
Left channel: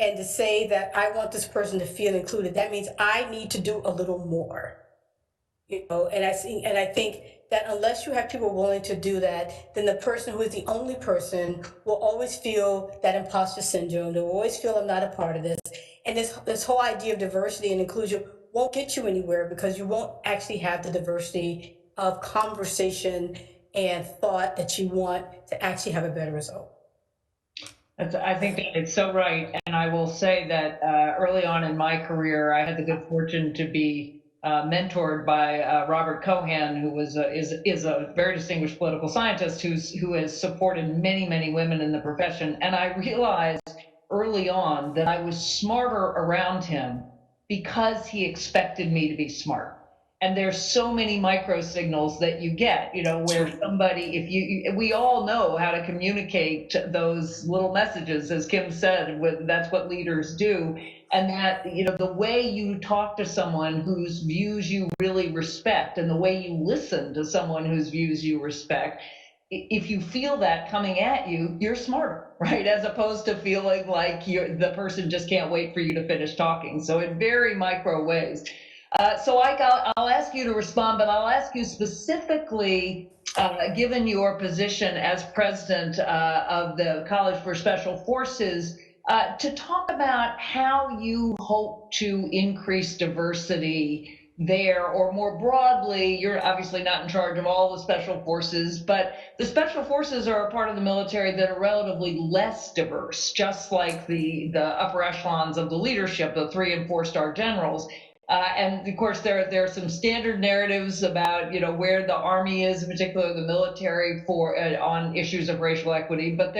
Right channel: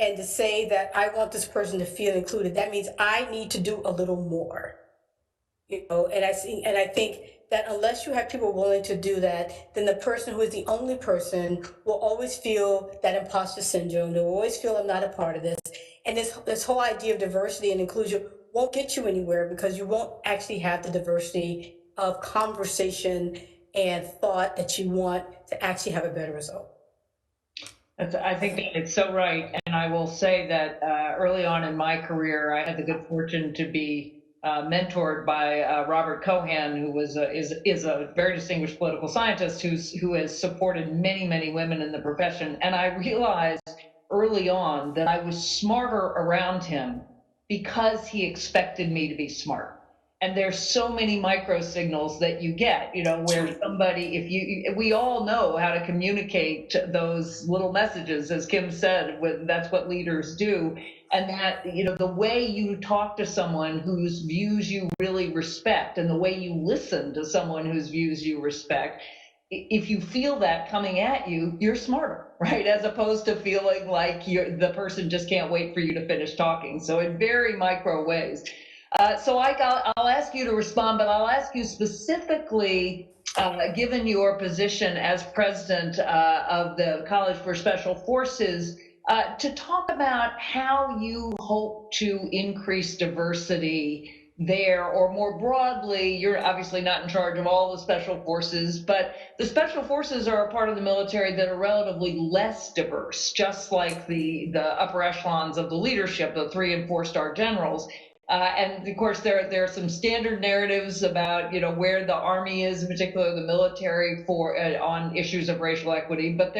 and to say that I want this person to feel included. That means I need to do a little more. And I think that unless you have people willing to do that, then the person who is the only person will always feel that imposter syndrome. They'll always feel I'm not a part of this. And this whole idea of diversity and inclusion won't get you anywhere, because you won't actually have the diversity of conversation and thought that you want to actually have a better result. I think it's so right. And I will say that early on in my career, I had the good fortune to be mentored by Robert Cohen, who is a very distinguished political scientist who has supported many, many women in the profession. And I realized early on that I was smarter around him because he expected me to be smart. And there's so many micro signals that you get, where somebody, we all know how to communicate those little messages, as Kim said, that's what leaders do. And that, the way you talk to someone whose views you really respect and the way you listen to someone whose views you respect, if you feel that coming at you, you're smarter, right? As opposed to feeling like the person just can't wait for you to finish talking. So in very micro ways. So I'll ask you to respond, but I'll ask you specifically, given your position as president of the College for Special Forces, to talk about how you hope to increase diversity there, or more broadly, you're obviously not in charge of all the special forces, but the special forces are a part of the military that are relatively less diverse, just like the upper echelons of the leadership, the 3- and 4-star generals. And of course, there are some standard narratives about where the Army is, in particular the military, for on issues of racial equity. But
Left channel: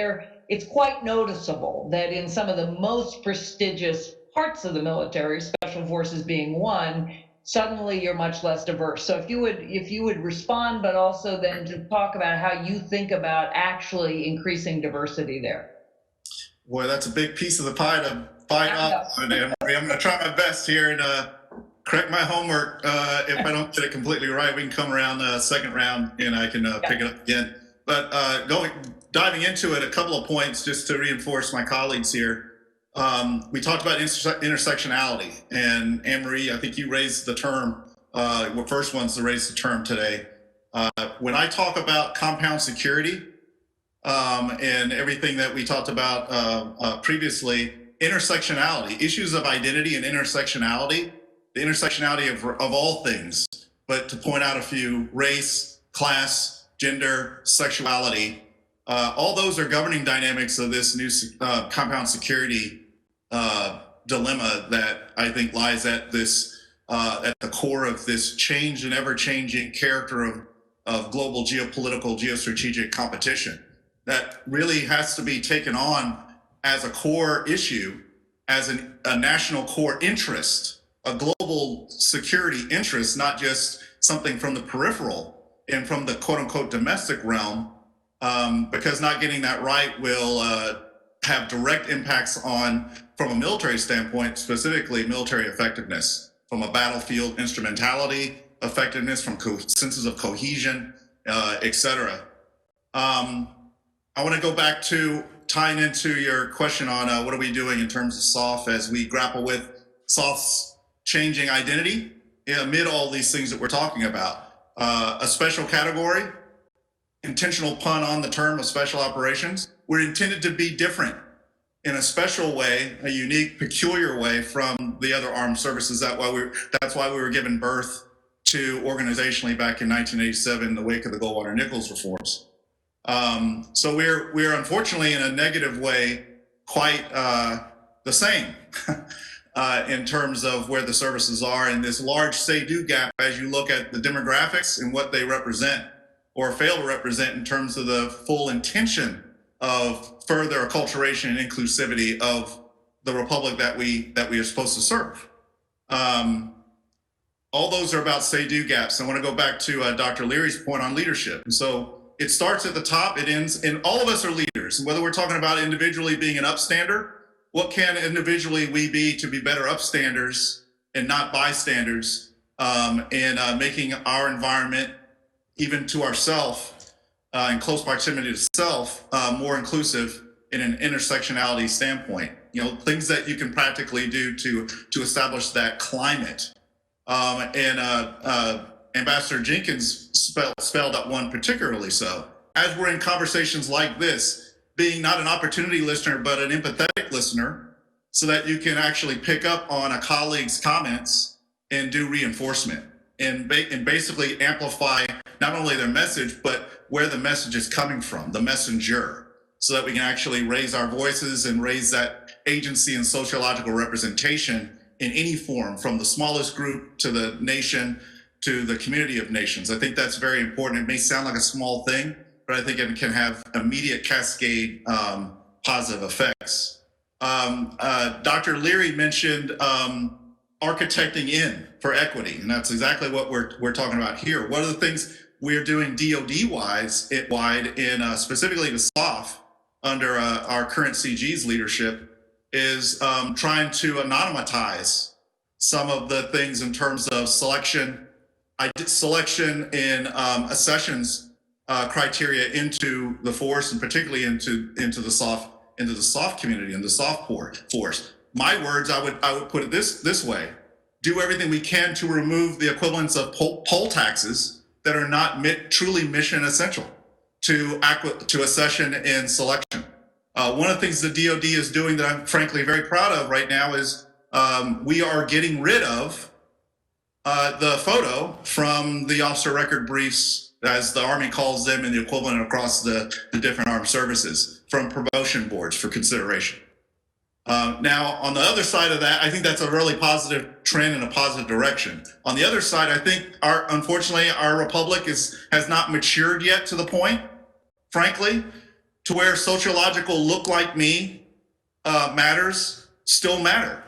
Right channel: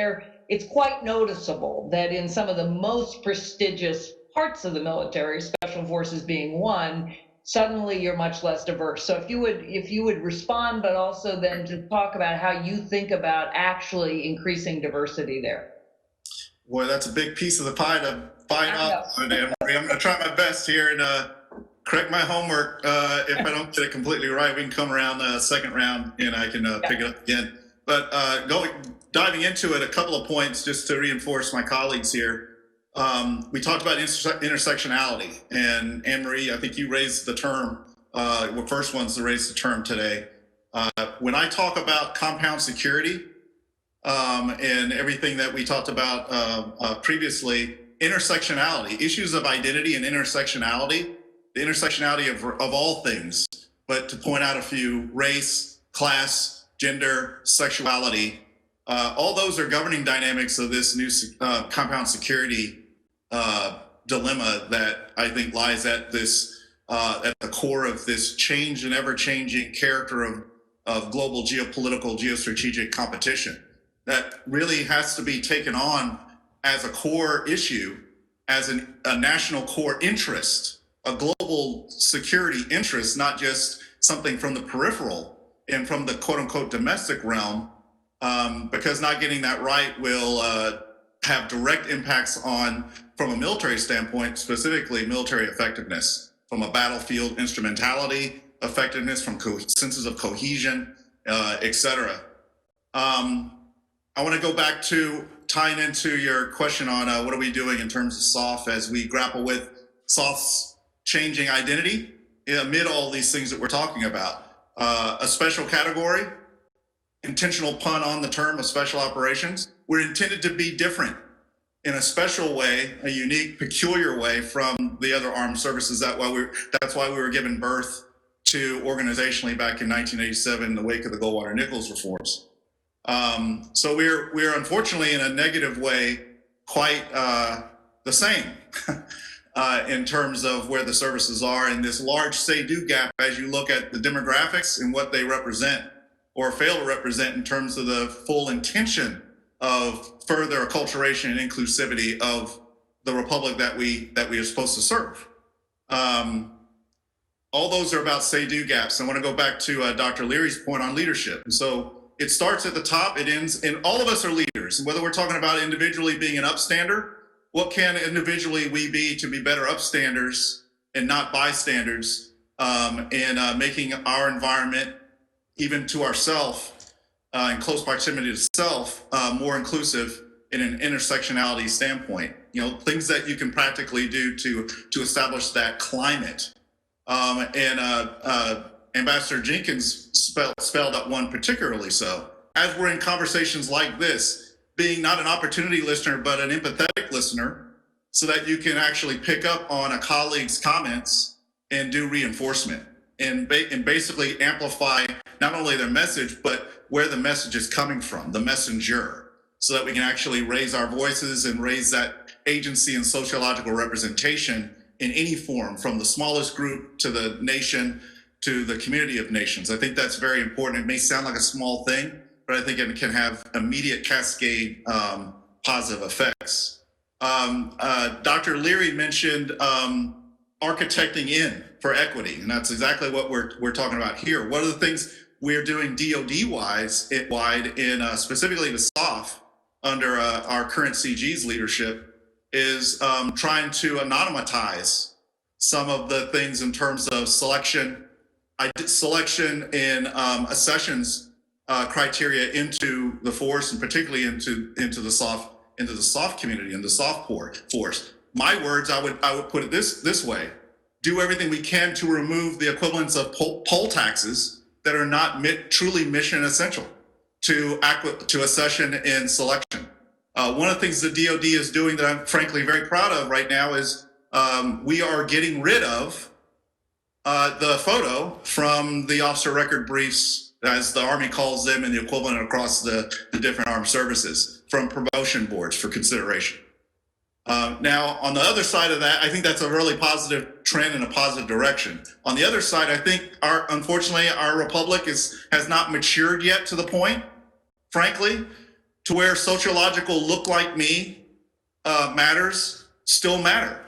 it's quite noticeable that in some of the most prestigious parts of the military, special forces being one, suddenly you're much less diverse. So if you would respond, but also then to talk about how you think about actually increasing diversity there. Boy, that's a big piece of the pie to bite off. I'm going to try my best here and correct my homework. If I don't get it completely right, we can come around the second round and I can pick it up again. But diving into it, a couple of points just to reinforce my colleagues here. We talked about intersectionality, and Anne-Marie, I think you raised the term, we're first ones to raise the term today. When I talk about compound security and everything that we talked about previously, intersectionality, issues of identity and intersectionality, the intersectionality of all things, but to point out a few: race, class, gender, sexuality, all those are governing dynamics of this new compound security dilemma that I think lies at the core of this change and ever-changing character of global geopolitical, geostrategic competition that really has to be taken on as a core issue, as a national core interest, a global security interest, not just something from the peripheral and from the quote-unquote domestic realm, because not getting that right will have direct impacts on, from a military standpoint, specifically military effectiveness, from a battlefield instrumentality effectiveness, from senses of cohesion, et cetera. I want to go back to tying into your question on what are we doing in terms of SOF as we grapple with SOF's changing identity amid all these things that we're talking about. A special category, intentional pun on the term of special operations. We're intended to be different in a special way, a unique, peculiar way from the other armed services. That's why we were given birth to organizationally back in 1987 in the wake of the Goldwater-Nichols reforms. So we're unfortunately in a negative way quite the same in terms of where the services are in this large say-do gap as you look at the demographics and what they represent or fail to represent in terms of the full intention of further acculturation and inclusivity of the republic that we are supposed to serve. All those are about say-do gaps. I want to go back to Dr. Leary's point on leadership. And so it starts at the top, it ends, and all of us are leaders. And whether we're talking about individually being an upstander, what can individually we be to be better upstanders and not bystanders, and making our environment, even to ourself, in close proximity to self, more inclusive in an intersectionality standpoint. You know, things that you can practically do to establish that climate. Ambassador Jenkins spelled out one particularly so. As we're in conversations like this, being not an opportunity listener, but an empathetic listener, so that you can actually pick up on a colleague's comments and do reinforcement and basically amplify not only their message, but where the message is coming from, the messenger, so that we can actually raise our voices and raise that agency and sociological representation in any form, from the smallest group to the nation to the community of nations. I think that's very important. It may sound like a small thing, but I think it can have immediate cascade positive effects. Dr. Leary mentioned architecting in for equity, and that's exactly what we're talking about here. One of the things we're doing DoD-wide in specifically to SOF under our current CG's leadership is trying to anonymize some of the things in terms of selection in accessions criteria into the force, and particularly into the SOF community and the SOF force. My words, I would put it this way: do everything we can to remove the equivalents of poll taxes that are not truly mission essential to accession and selection. One of the things the DoD is doing that I'm frankly very proud of right now is we are getting rid of the photo from the officer record briefs, as the Army calls them, and the equivalent across the different armed services, from promotion boards for consideration. Now, on the other side of that, I think that's a really positive trend in a positive direction. On the other side, I think unfortunately, our republic has not matured yet to the point, frankly, to where sociological look like me matters still matter.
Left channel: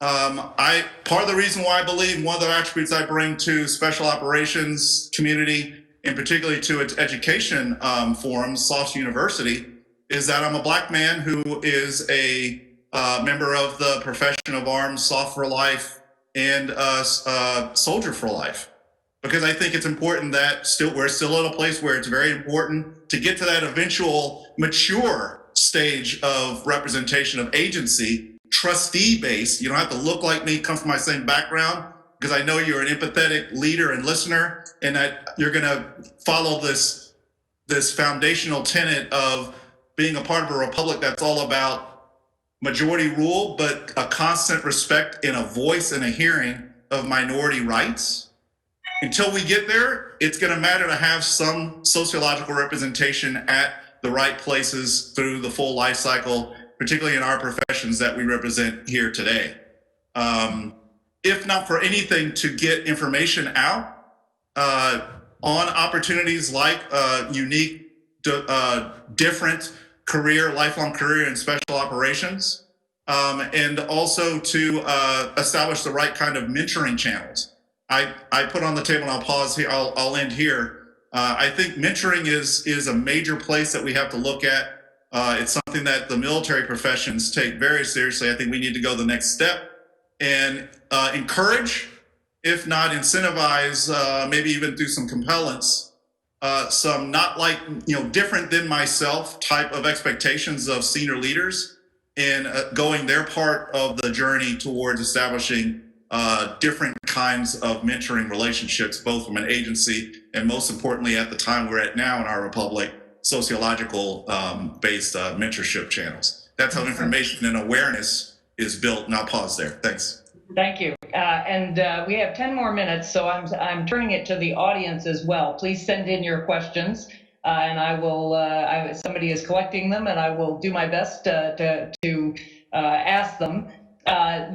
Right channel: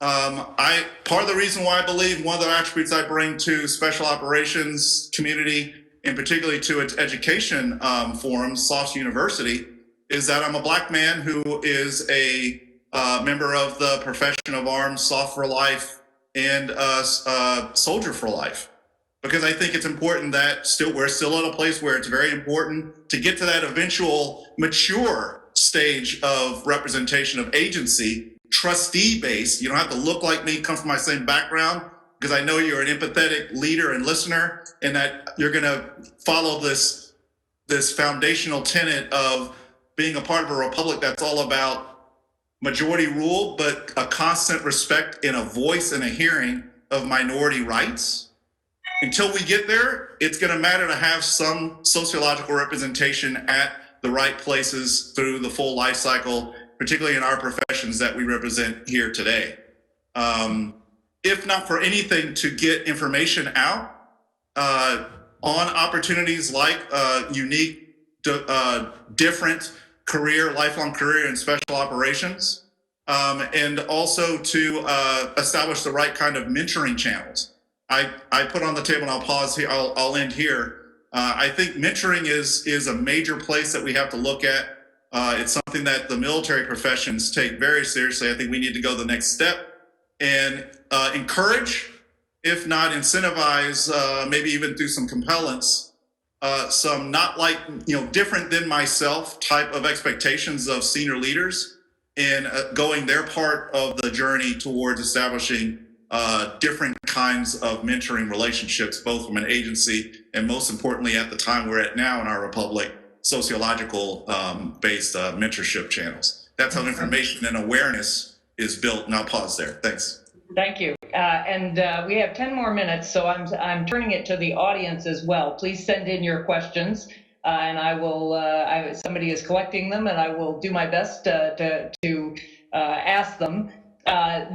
Part of the reason why I believe one of the attributes I bring to special operations community, and particularly to its education forum, SOF's University, is that I'm a Black man who is a member of the profession of arms, SOF for life, and soldier for life. Because I think it's important that we're still in a place where it's very important to get to that eventual mature stage of representation of agency, trustee-based. You don't have to look like me, come from my same background, because I know you're an empathetic leader and listener, and that you're going to follow this foundational tenet of being a part of a republic that's all about majority rule, but a constant respect and a voice and a hearing of minority rights. Until we get there, it's going to matter to have some sociological representation at the right places through the full life cycle, particularly in our professions that we represent here today. If not for anything, to get information out on opportunities like unique, different lifelong career in special operations, and also to establish the right kind of mentoring channels. I put on the table, and I'll pause here, I'll end here. I think mentoring is a major place that we have to look at. It's something that the military professions take very seriously. I think we need to go the next step and encourage, if not incentivize, maybe even through some compellence, some not like, different than myself type of expectations of senior leaders in going their part of the journey towards establishing different kinds of mentoring relationships, both from an agency and, most importantly, at the time we're at now in our republic, sociological based mentorship channels. That's how information and awareness is built. And I'll pause there. Thanks. Thank you. And we have 10 more minutes, so I'm turning it to the audience as well. Please send in your questions, and I will. Somebody is collecting them, and I will do my best to ask them. I'm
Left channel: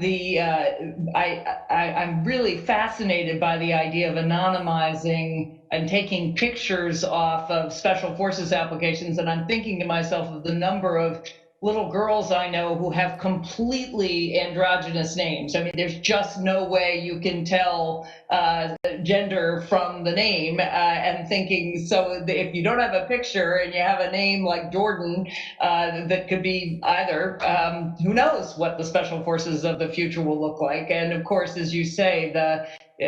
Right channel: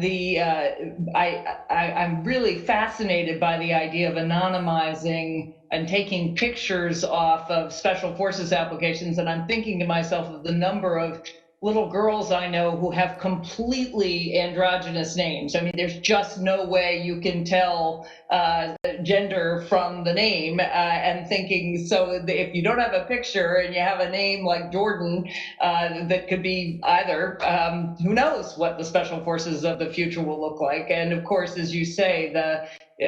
really fascinated by the idea of anonymizing and taking pictures off of special forces applications, and I'm thinking to myself of the number of little girls I know who have completely androgynous names. I mean, there's just no way you can tell gender from the name, and thinking, so if you don't have a picture and you have a name like Jordan, that could be either, who knows what the special forces of the future will look like. And of course, as you say,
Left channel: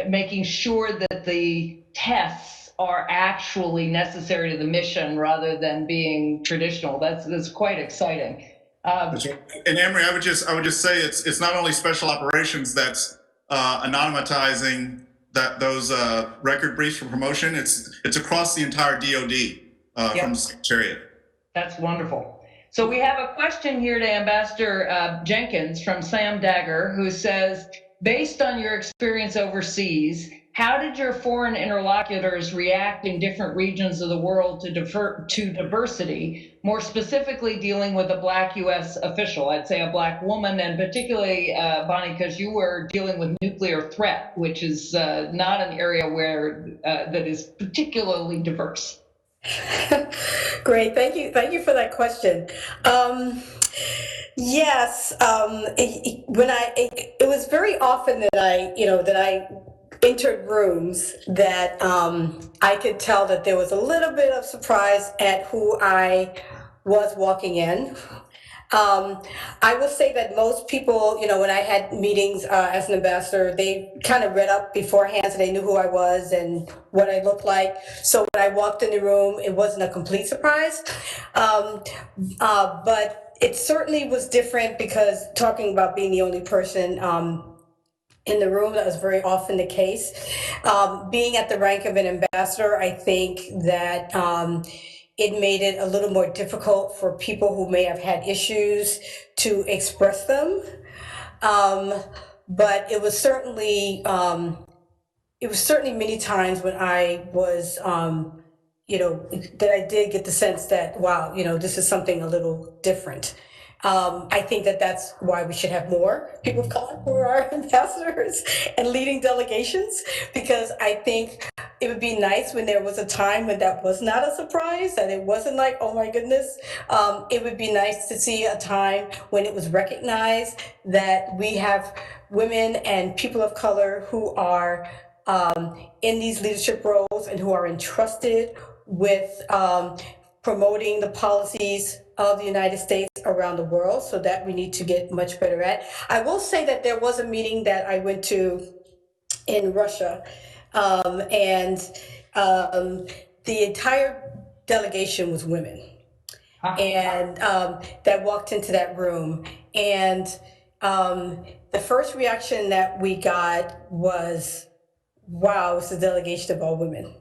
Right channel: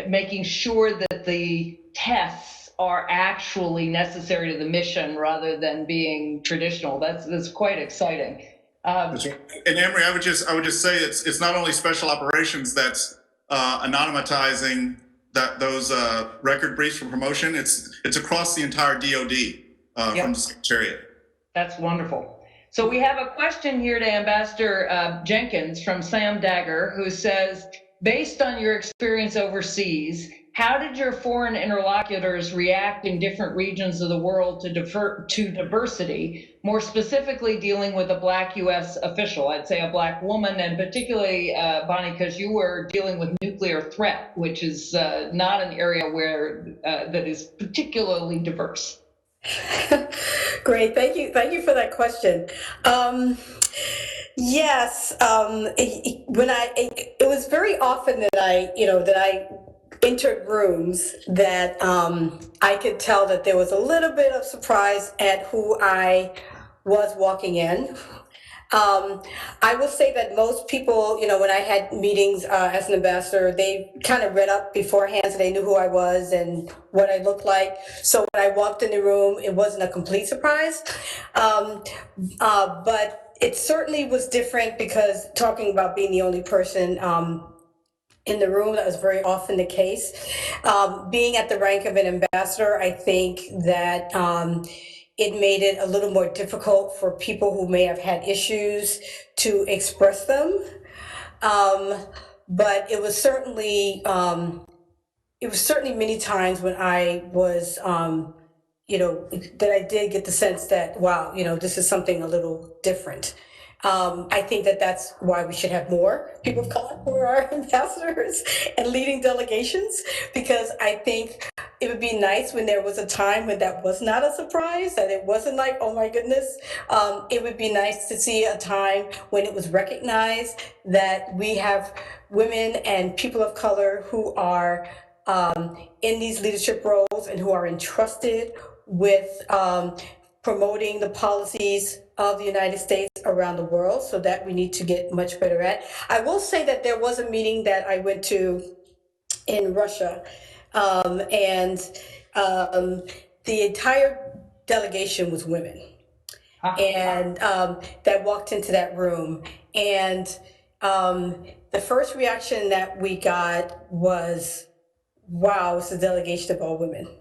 making sure that the tests are actually necessary to the mission rather than being traditional. That's quite exciting. That's right. And Amory, I would just say it's not only special operations that's anonymizing those record briefs for promotion. It's across the entire DoD from the Secretariat. That's wonderful. So we have a question here to Ambassador Jenkins from Sam Dagger, who says, based on your experience overseas, how did your foreign interlocutors react in different regions of the world to diversity, more specifically dealing with a Black U.S. official, I'd say a Black woman, and particularly, Bonnie, because you were dealing with nuclear threat, which is not an area where that is particularly diverse. Great, thank you for that question. Yes, it was very often that I entered rooms that I could tell that there was a little bit of surprise at who I was walking in. I will say that most people, when I had meetings as an ambassador, they kind of read up beforehand, so they knew who I was and what I looked like. So when I walked in the room, it wasn't a complete surprise. But it certainly was different because talking about being the only person in the room, that was very often the case. Being at the rank of an ambassador, I think that it made it a little more difficult for people who may have had issues to express them. But it was certainly many times when I was, that I did get the sense that, wow, this is something a little different. I think that that's why we should have more people of color who are our ambassadors and leading delegations, because I think it would be nice when there was a time when that was not a surprise, that it wasn't like, oh my goodness. It would be nice to see a time when it was recognized that we have women and people of color who are in these leadership roles and who are entrusted with promoting the policies of the United States around the world, so that we need to get much better at. I will say that there was a meeting that I went to in Russia, and the entire delegation was women, and that walked into that room. And the first reaction that we got was, wow, it's a delegation of all women.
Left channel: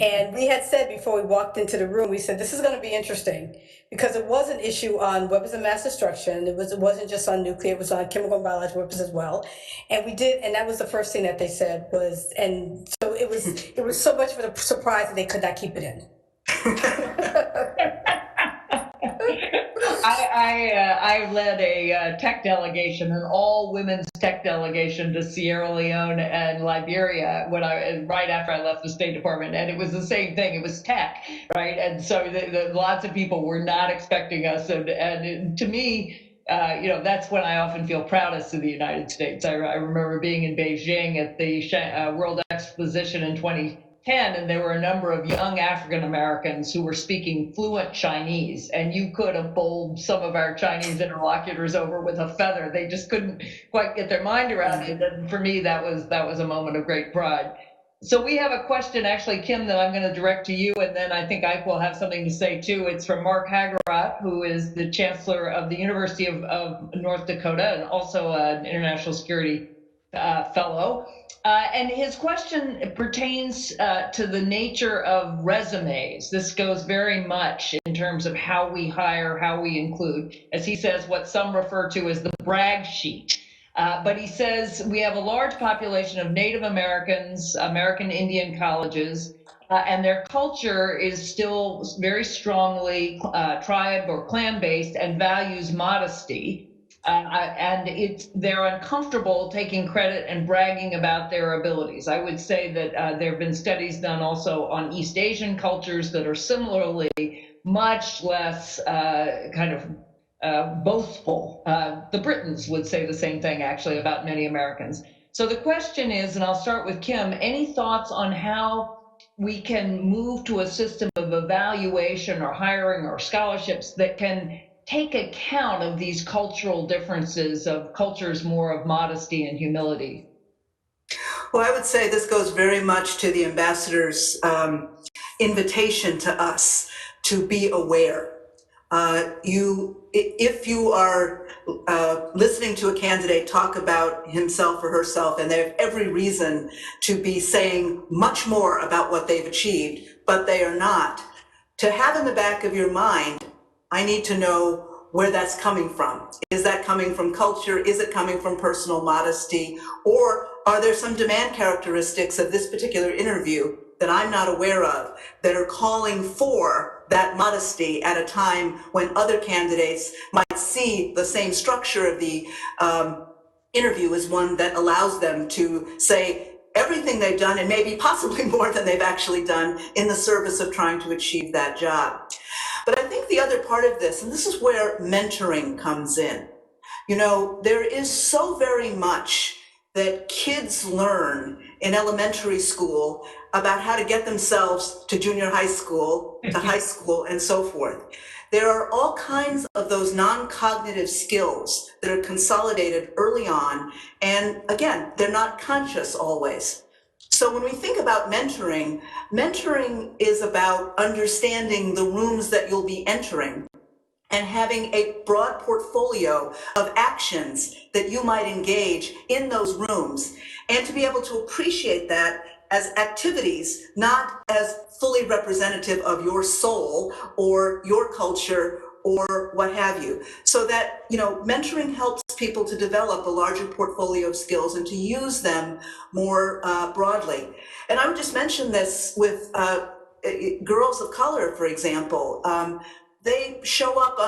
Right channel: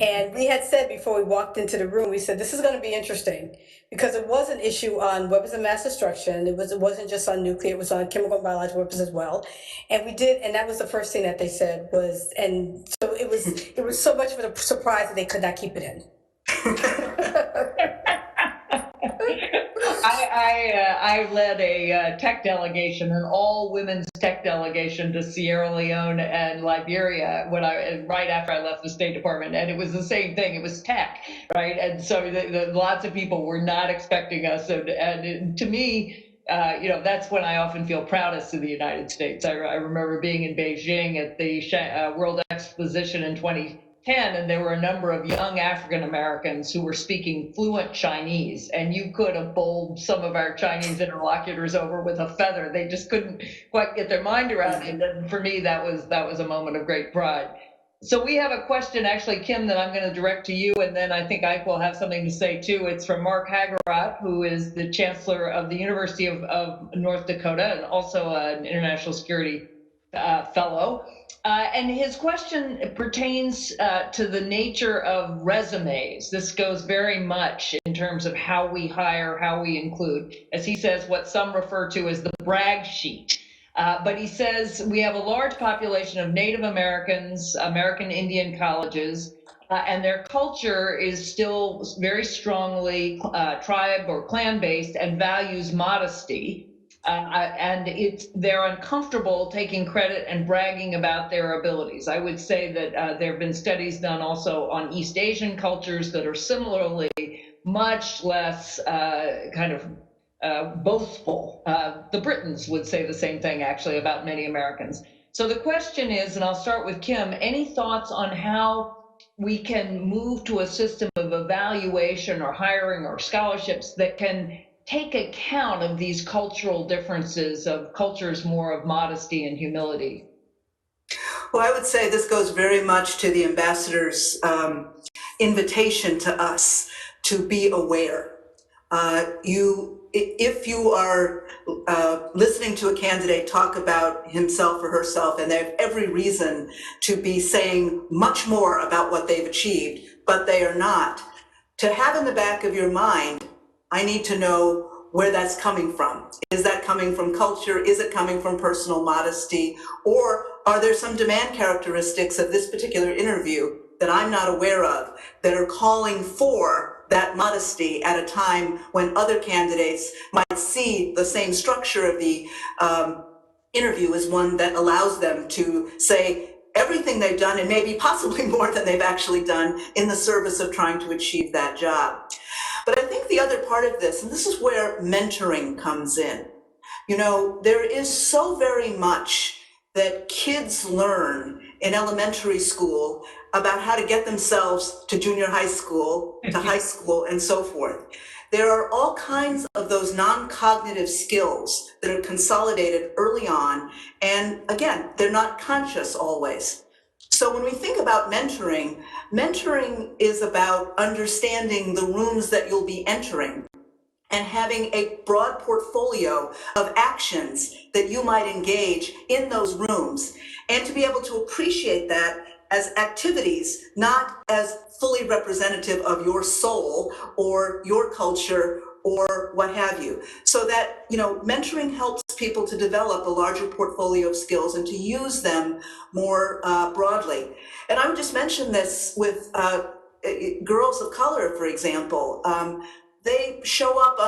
And we had said before we walked into the room, we said, this is going to be interesting, because it was an issue on weapons of mass destruction. It wasn't just on nuclear, it was on chemical and biological weapons as well. And we did, and that was the first thing that they said was, and so it was so much of a surprise that they could not keep it in. I led a tech delegation, an all-women's tech delegation to Sierra Leone and Liberia right after I left the State Department, and it was the same thing. It was tech, right? And so lots of people were not expecting us, and to me, that's when I often feel proudest of the United States. I remember being in Beijing at the World Exposition in 2010, and there were a number of young African Americans who were speaking fluent Chinese, and you could have bowled some of our Chinese interlocutors over with a feather. They just couldn't quite get their mind around it. And for me, that was a moment of great pride. So we have a question, actually, Kim, that I'm going to direct to you, and then I think Ike will have something to say too. It's from Mark Hagerat, who is the Chancellor of the University of North Dakota and also an international security fellow. And his question pertains to the nature of resumes. This goes very much in terms of how we hire, how we include, as he says, what some refer to as the brag sheet. But he says we have a large population of Native Americans, American Indian colleges, and their culture is still very strongly tribe or clan-based and values modesty. And they're uncomfortable taking credit and bragging about their abilities. I would say that there have been studies done also on East Asian cultures that are similarly much less boastful. The Britons would say the same thing, actually, about many Americans. So the question is, and I'll start with Kim, any thoughts on how we can move to a system of evaluation or hiring or scholarships that can take account of these cultural differences, of cultures more of modesty and humility? Well, I would say this goes very much to the ambassador's invitation to us to be aware. If you are listening to a candidate talk about himself or herself, and they have every reason to be saying much more about what they've achieved, but they are not, to have in the back of your mind, I need to know where that's coming from. Is that coming from culture? Is it coming from personal modesty? Or are there some demand characteristics of this particular interview that I'm not aware of that are calling for that modesty at a time when other candidates might see the same structure of the interview as one that allows them to say everything they've done and maybe possibly more than they've actually done in the service of trying to achieve that job. But I think the other part of this, and this is where mentoring comes in, You know, there is so very much that kids learn in elementary school about how to get themselves to junior high school, to high school, and so forth. There are all kinds of those non-cognitive skills that are consolidated early on, and again, they're not conscious always. So when we think about mentoring, mentoring is about understanding the rooms that you'll be entering and having a broad portfolio of actions that you might engage in those rooms, and to be able to appreciate that as activities, not as fully representative of your soul or your culture or what have you. So that, you know, mentoring helps people to develop a larger portfolio of skills and to use them more broadly. And I would just mention this with girls of color, for example. They show up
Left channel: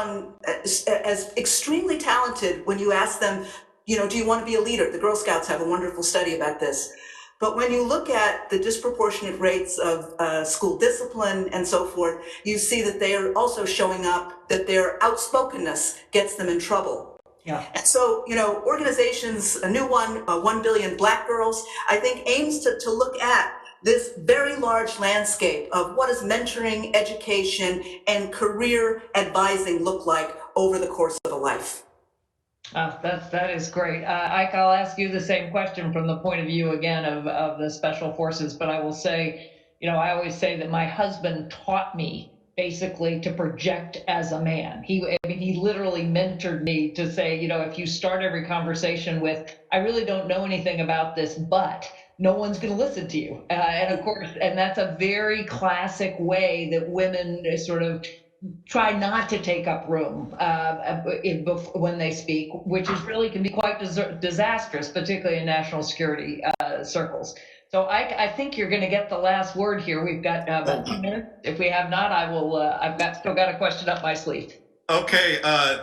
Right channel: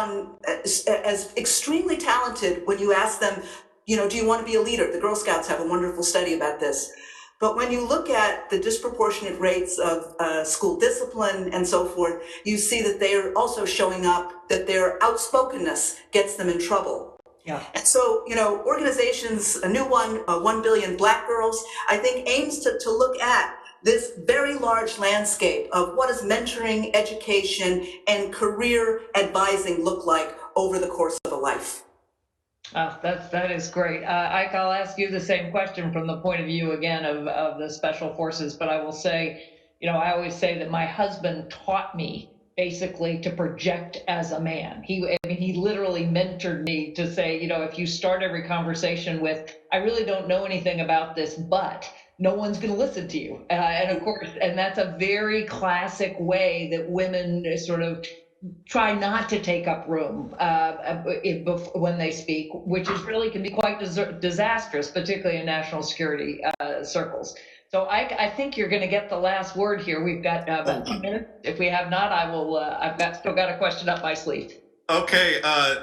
as extremely talented when you ask them, you know, do you want to be a leader? The Girl Scouts have a wonderful study about this. But when you look at the disproportionate rates of school discipline and so forth, you see that they are also showing up, that their outspokenness gets them in trouble. Yeah. And so, you know, organizations, a new one, 1 Billion Black Girls, I think aims to look at this very large landscape of what does mentoring, education, and career advising look like over the course of a life. That is great. Ike, I'll ask you the same question from the point of view again of the special forces, but I will say, you know, I always say that my husband taught me basically to project as a man. He literally mentored me to say, you know, if you start every conversation with, I really don't know anything about this, but no one's going to listen to you. And of course, and that's a very classic way that women sort of try not to take up room when they speak, which is really can be quite disastrous, particularly in national security circles. So I think you're going to get the last word here. We've got about 2 minutes. If we have not, I will. Still got a question up my sleeve. Okay,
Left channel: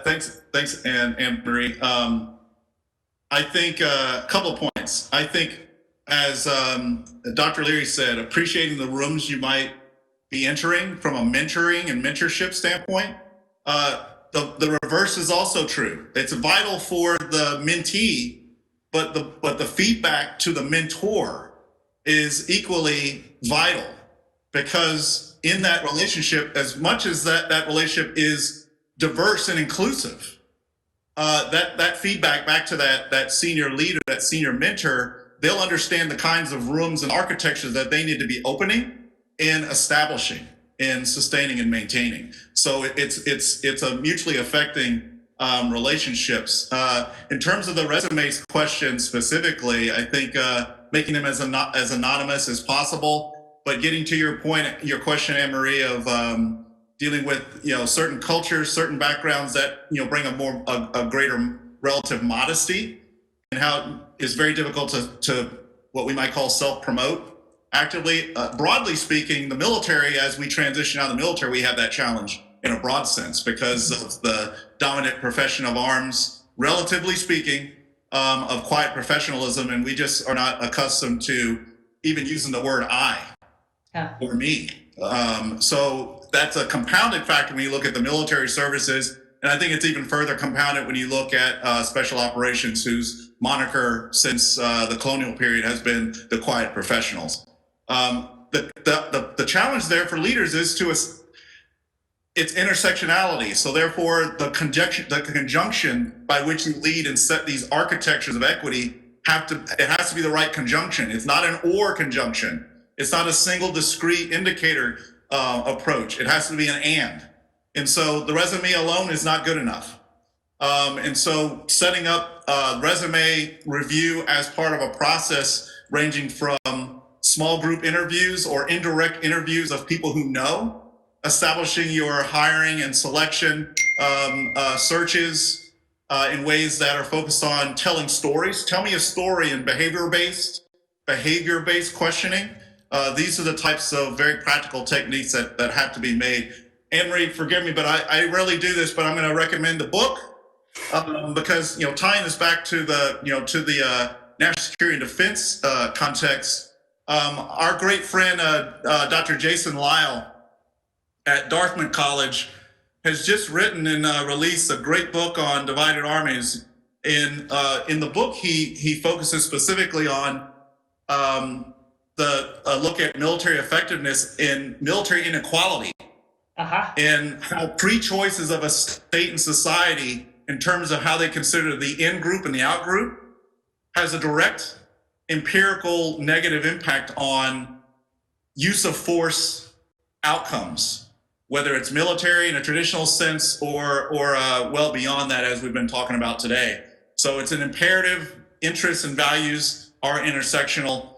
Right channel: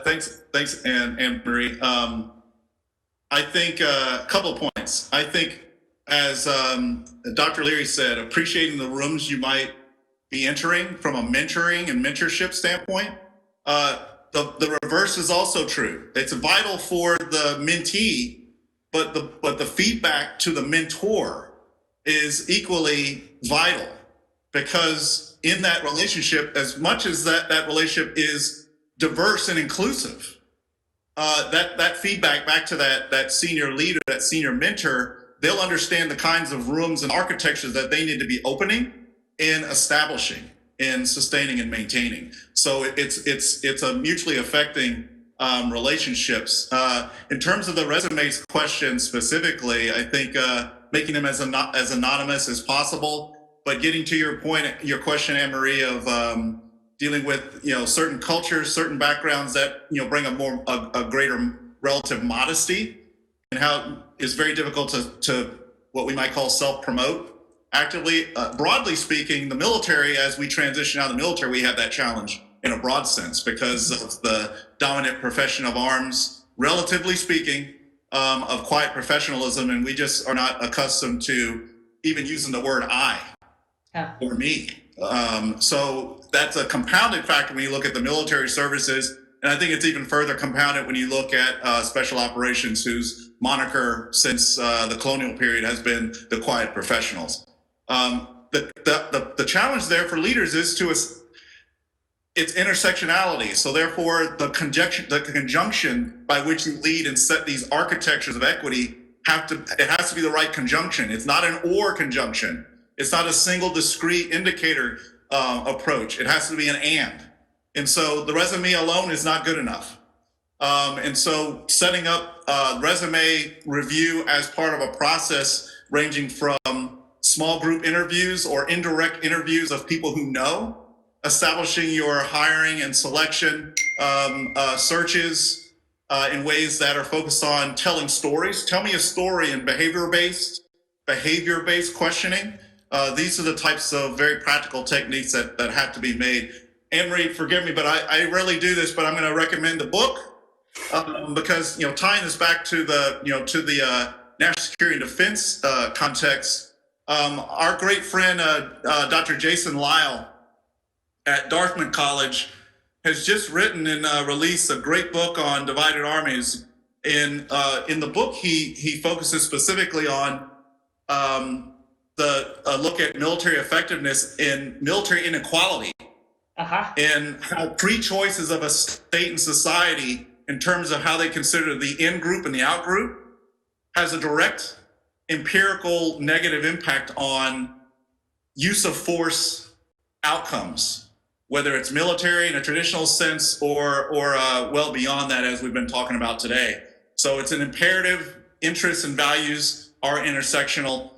thanks, Anne Marie. I think a couple of points. I think, as Dr. Leary said, appreciating the rooms you might be entering from a mentoring and mentorship standpoint. The reverse is also true. It's vital for the mentee, but the feedback to the mentor is equally vital, because in that relationship, as much as that relationship is diverse and inclusive, that feedback back to that senior leader, that senior mentor, they'll understand the kinds of rooms and architectures that they need to be opening and establishing and sustaining and maintaining. So it's a mutually affecting relationships. In terms of the resumes question specifically, I think making them as anonymous as possible, but getting to your point, your question, Anne Marie, of dealing with, you know, certain cultures, certain backgrounds that, you know, bring a greater relative modesty, and how it's very difficult to what we might call self-promote actively. Broadly speaking, the military, as we transition out of the military, we have that challenge in a broad sense because of the dominant profession of arms, relatively speaking, of quiet professionalism, and we just are not accustomed to even using the word I or me. So that's a compounded factor when you look at the military services, and I think it's even further compounded when you look at special operations, whose moniker since the colonial period has been the quiet professionals. The challenge there for leaders is it's intersectionality. So therefore, the conjunction by which you lead and set these architectures of equity it has to be the right conjunction. It's not an or conjunction. It's not a single discrete indicator approach. It has to be an and. And so the resume alone is not good enough. And so setting up resume review as part of a process ranging from small group interviews or indirect interviews of people who know, establishing your hiring and selection searches in ways that are focused on telling stories. Tell me a story in behavior-based questioning. These are the types of very practical techniques that have to be made. Anne-Marie, forgive me, but I rarely do this, but I'm going to recommend the book because, you know, tying this back to the national security and defense context. Our great friend, Dr. Jason Lyle at Dartmouth College has just written and released a great book on divided armies. in the book, he focuses specifically on the look at military effectiveness in military inequality, and how pre-choices of a state and society in terms of how they consider the in group and the out group has a direct empirical negative impact on use of force outcomes, whether it's military in a traditional sense or well beyond that, as we've been talking about today. So it's an imperative. Interests and values are intersectional.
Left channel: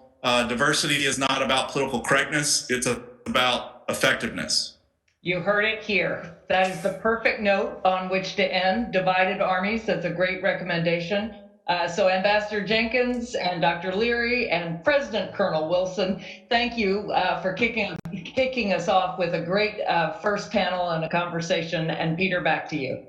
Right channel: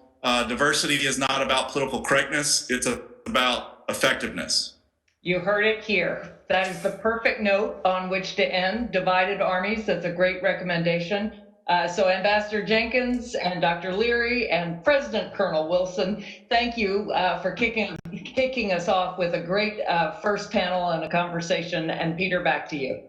Diversity is not about political correctness. It's about effectiveness. You heard it here. That is the perfect note on which to end. Divided armies, that's a great recommendation. So Ambassador Jenkins and Dr. Leary and President Colonel Wilson, thank you for kicking us off with a great first panel and a conversation. And Peter, back to you.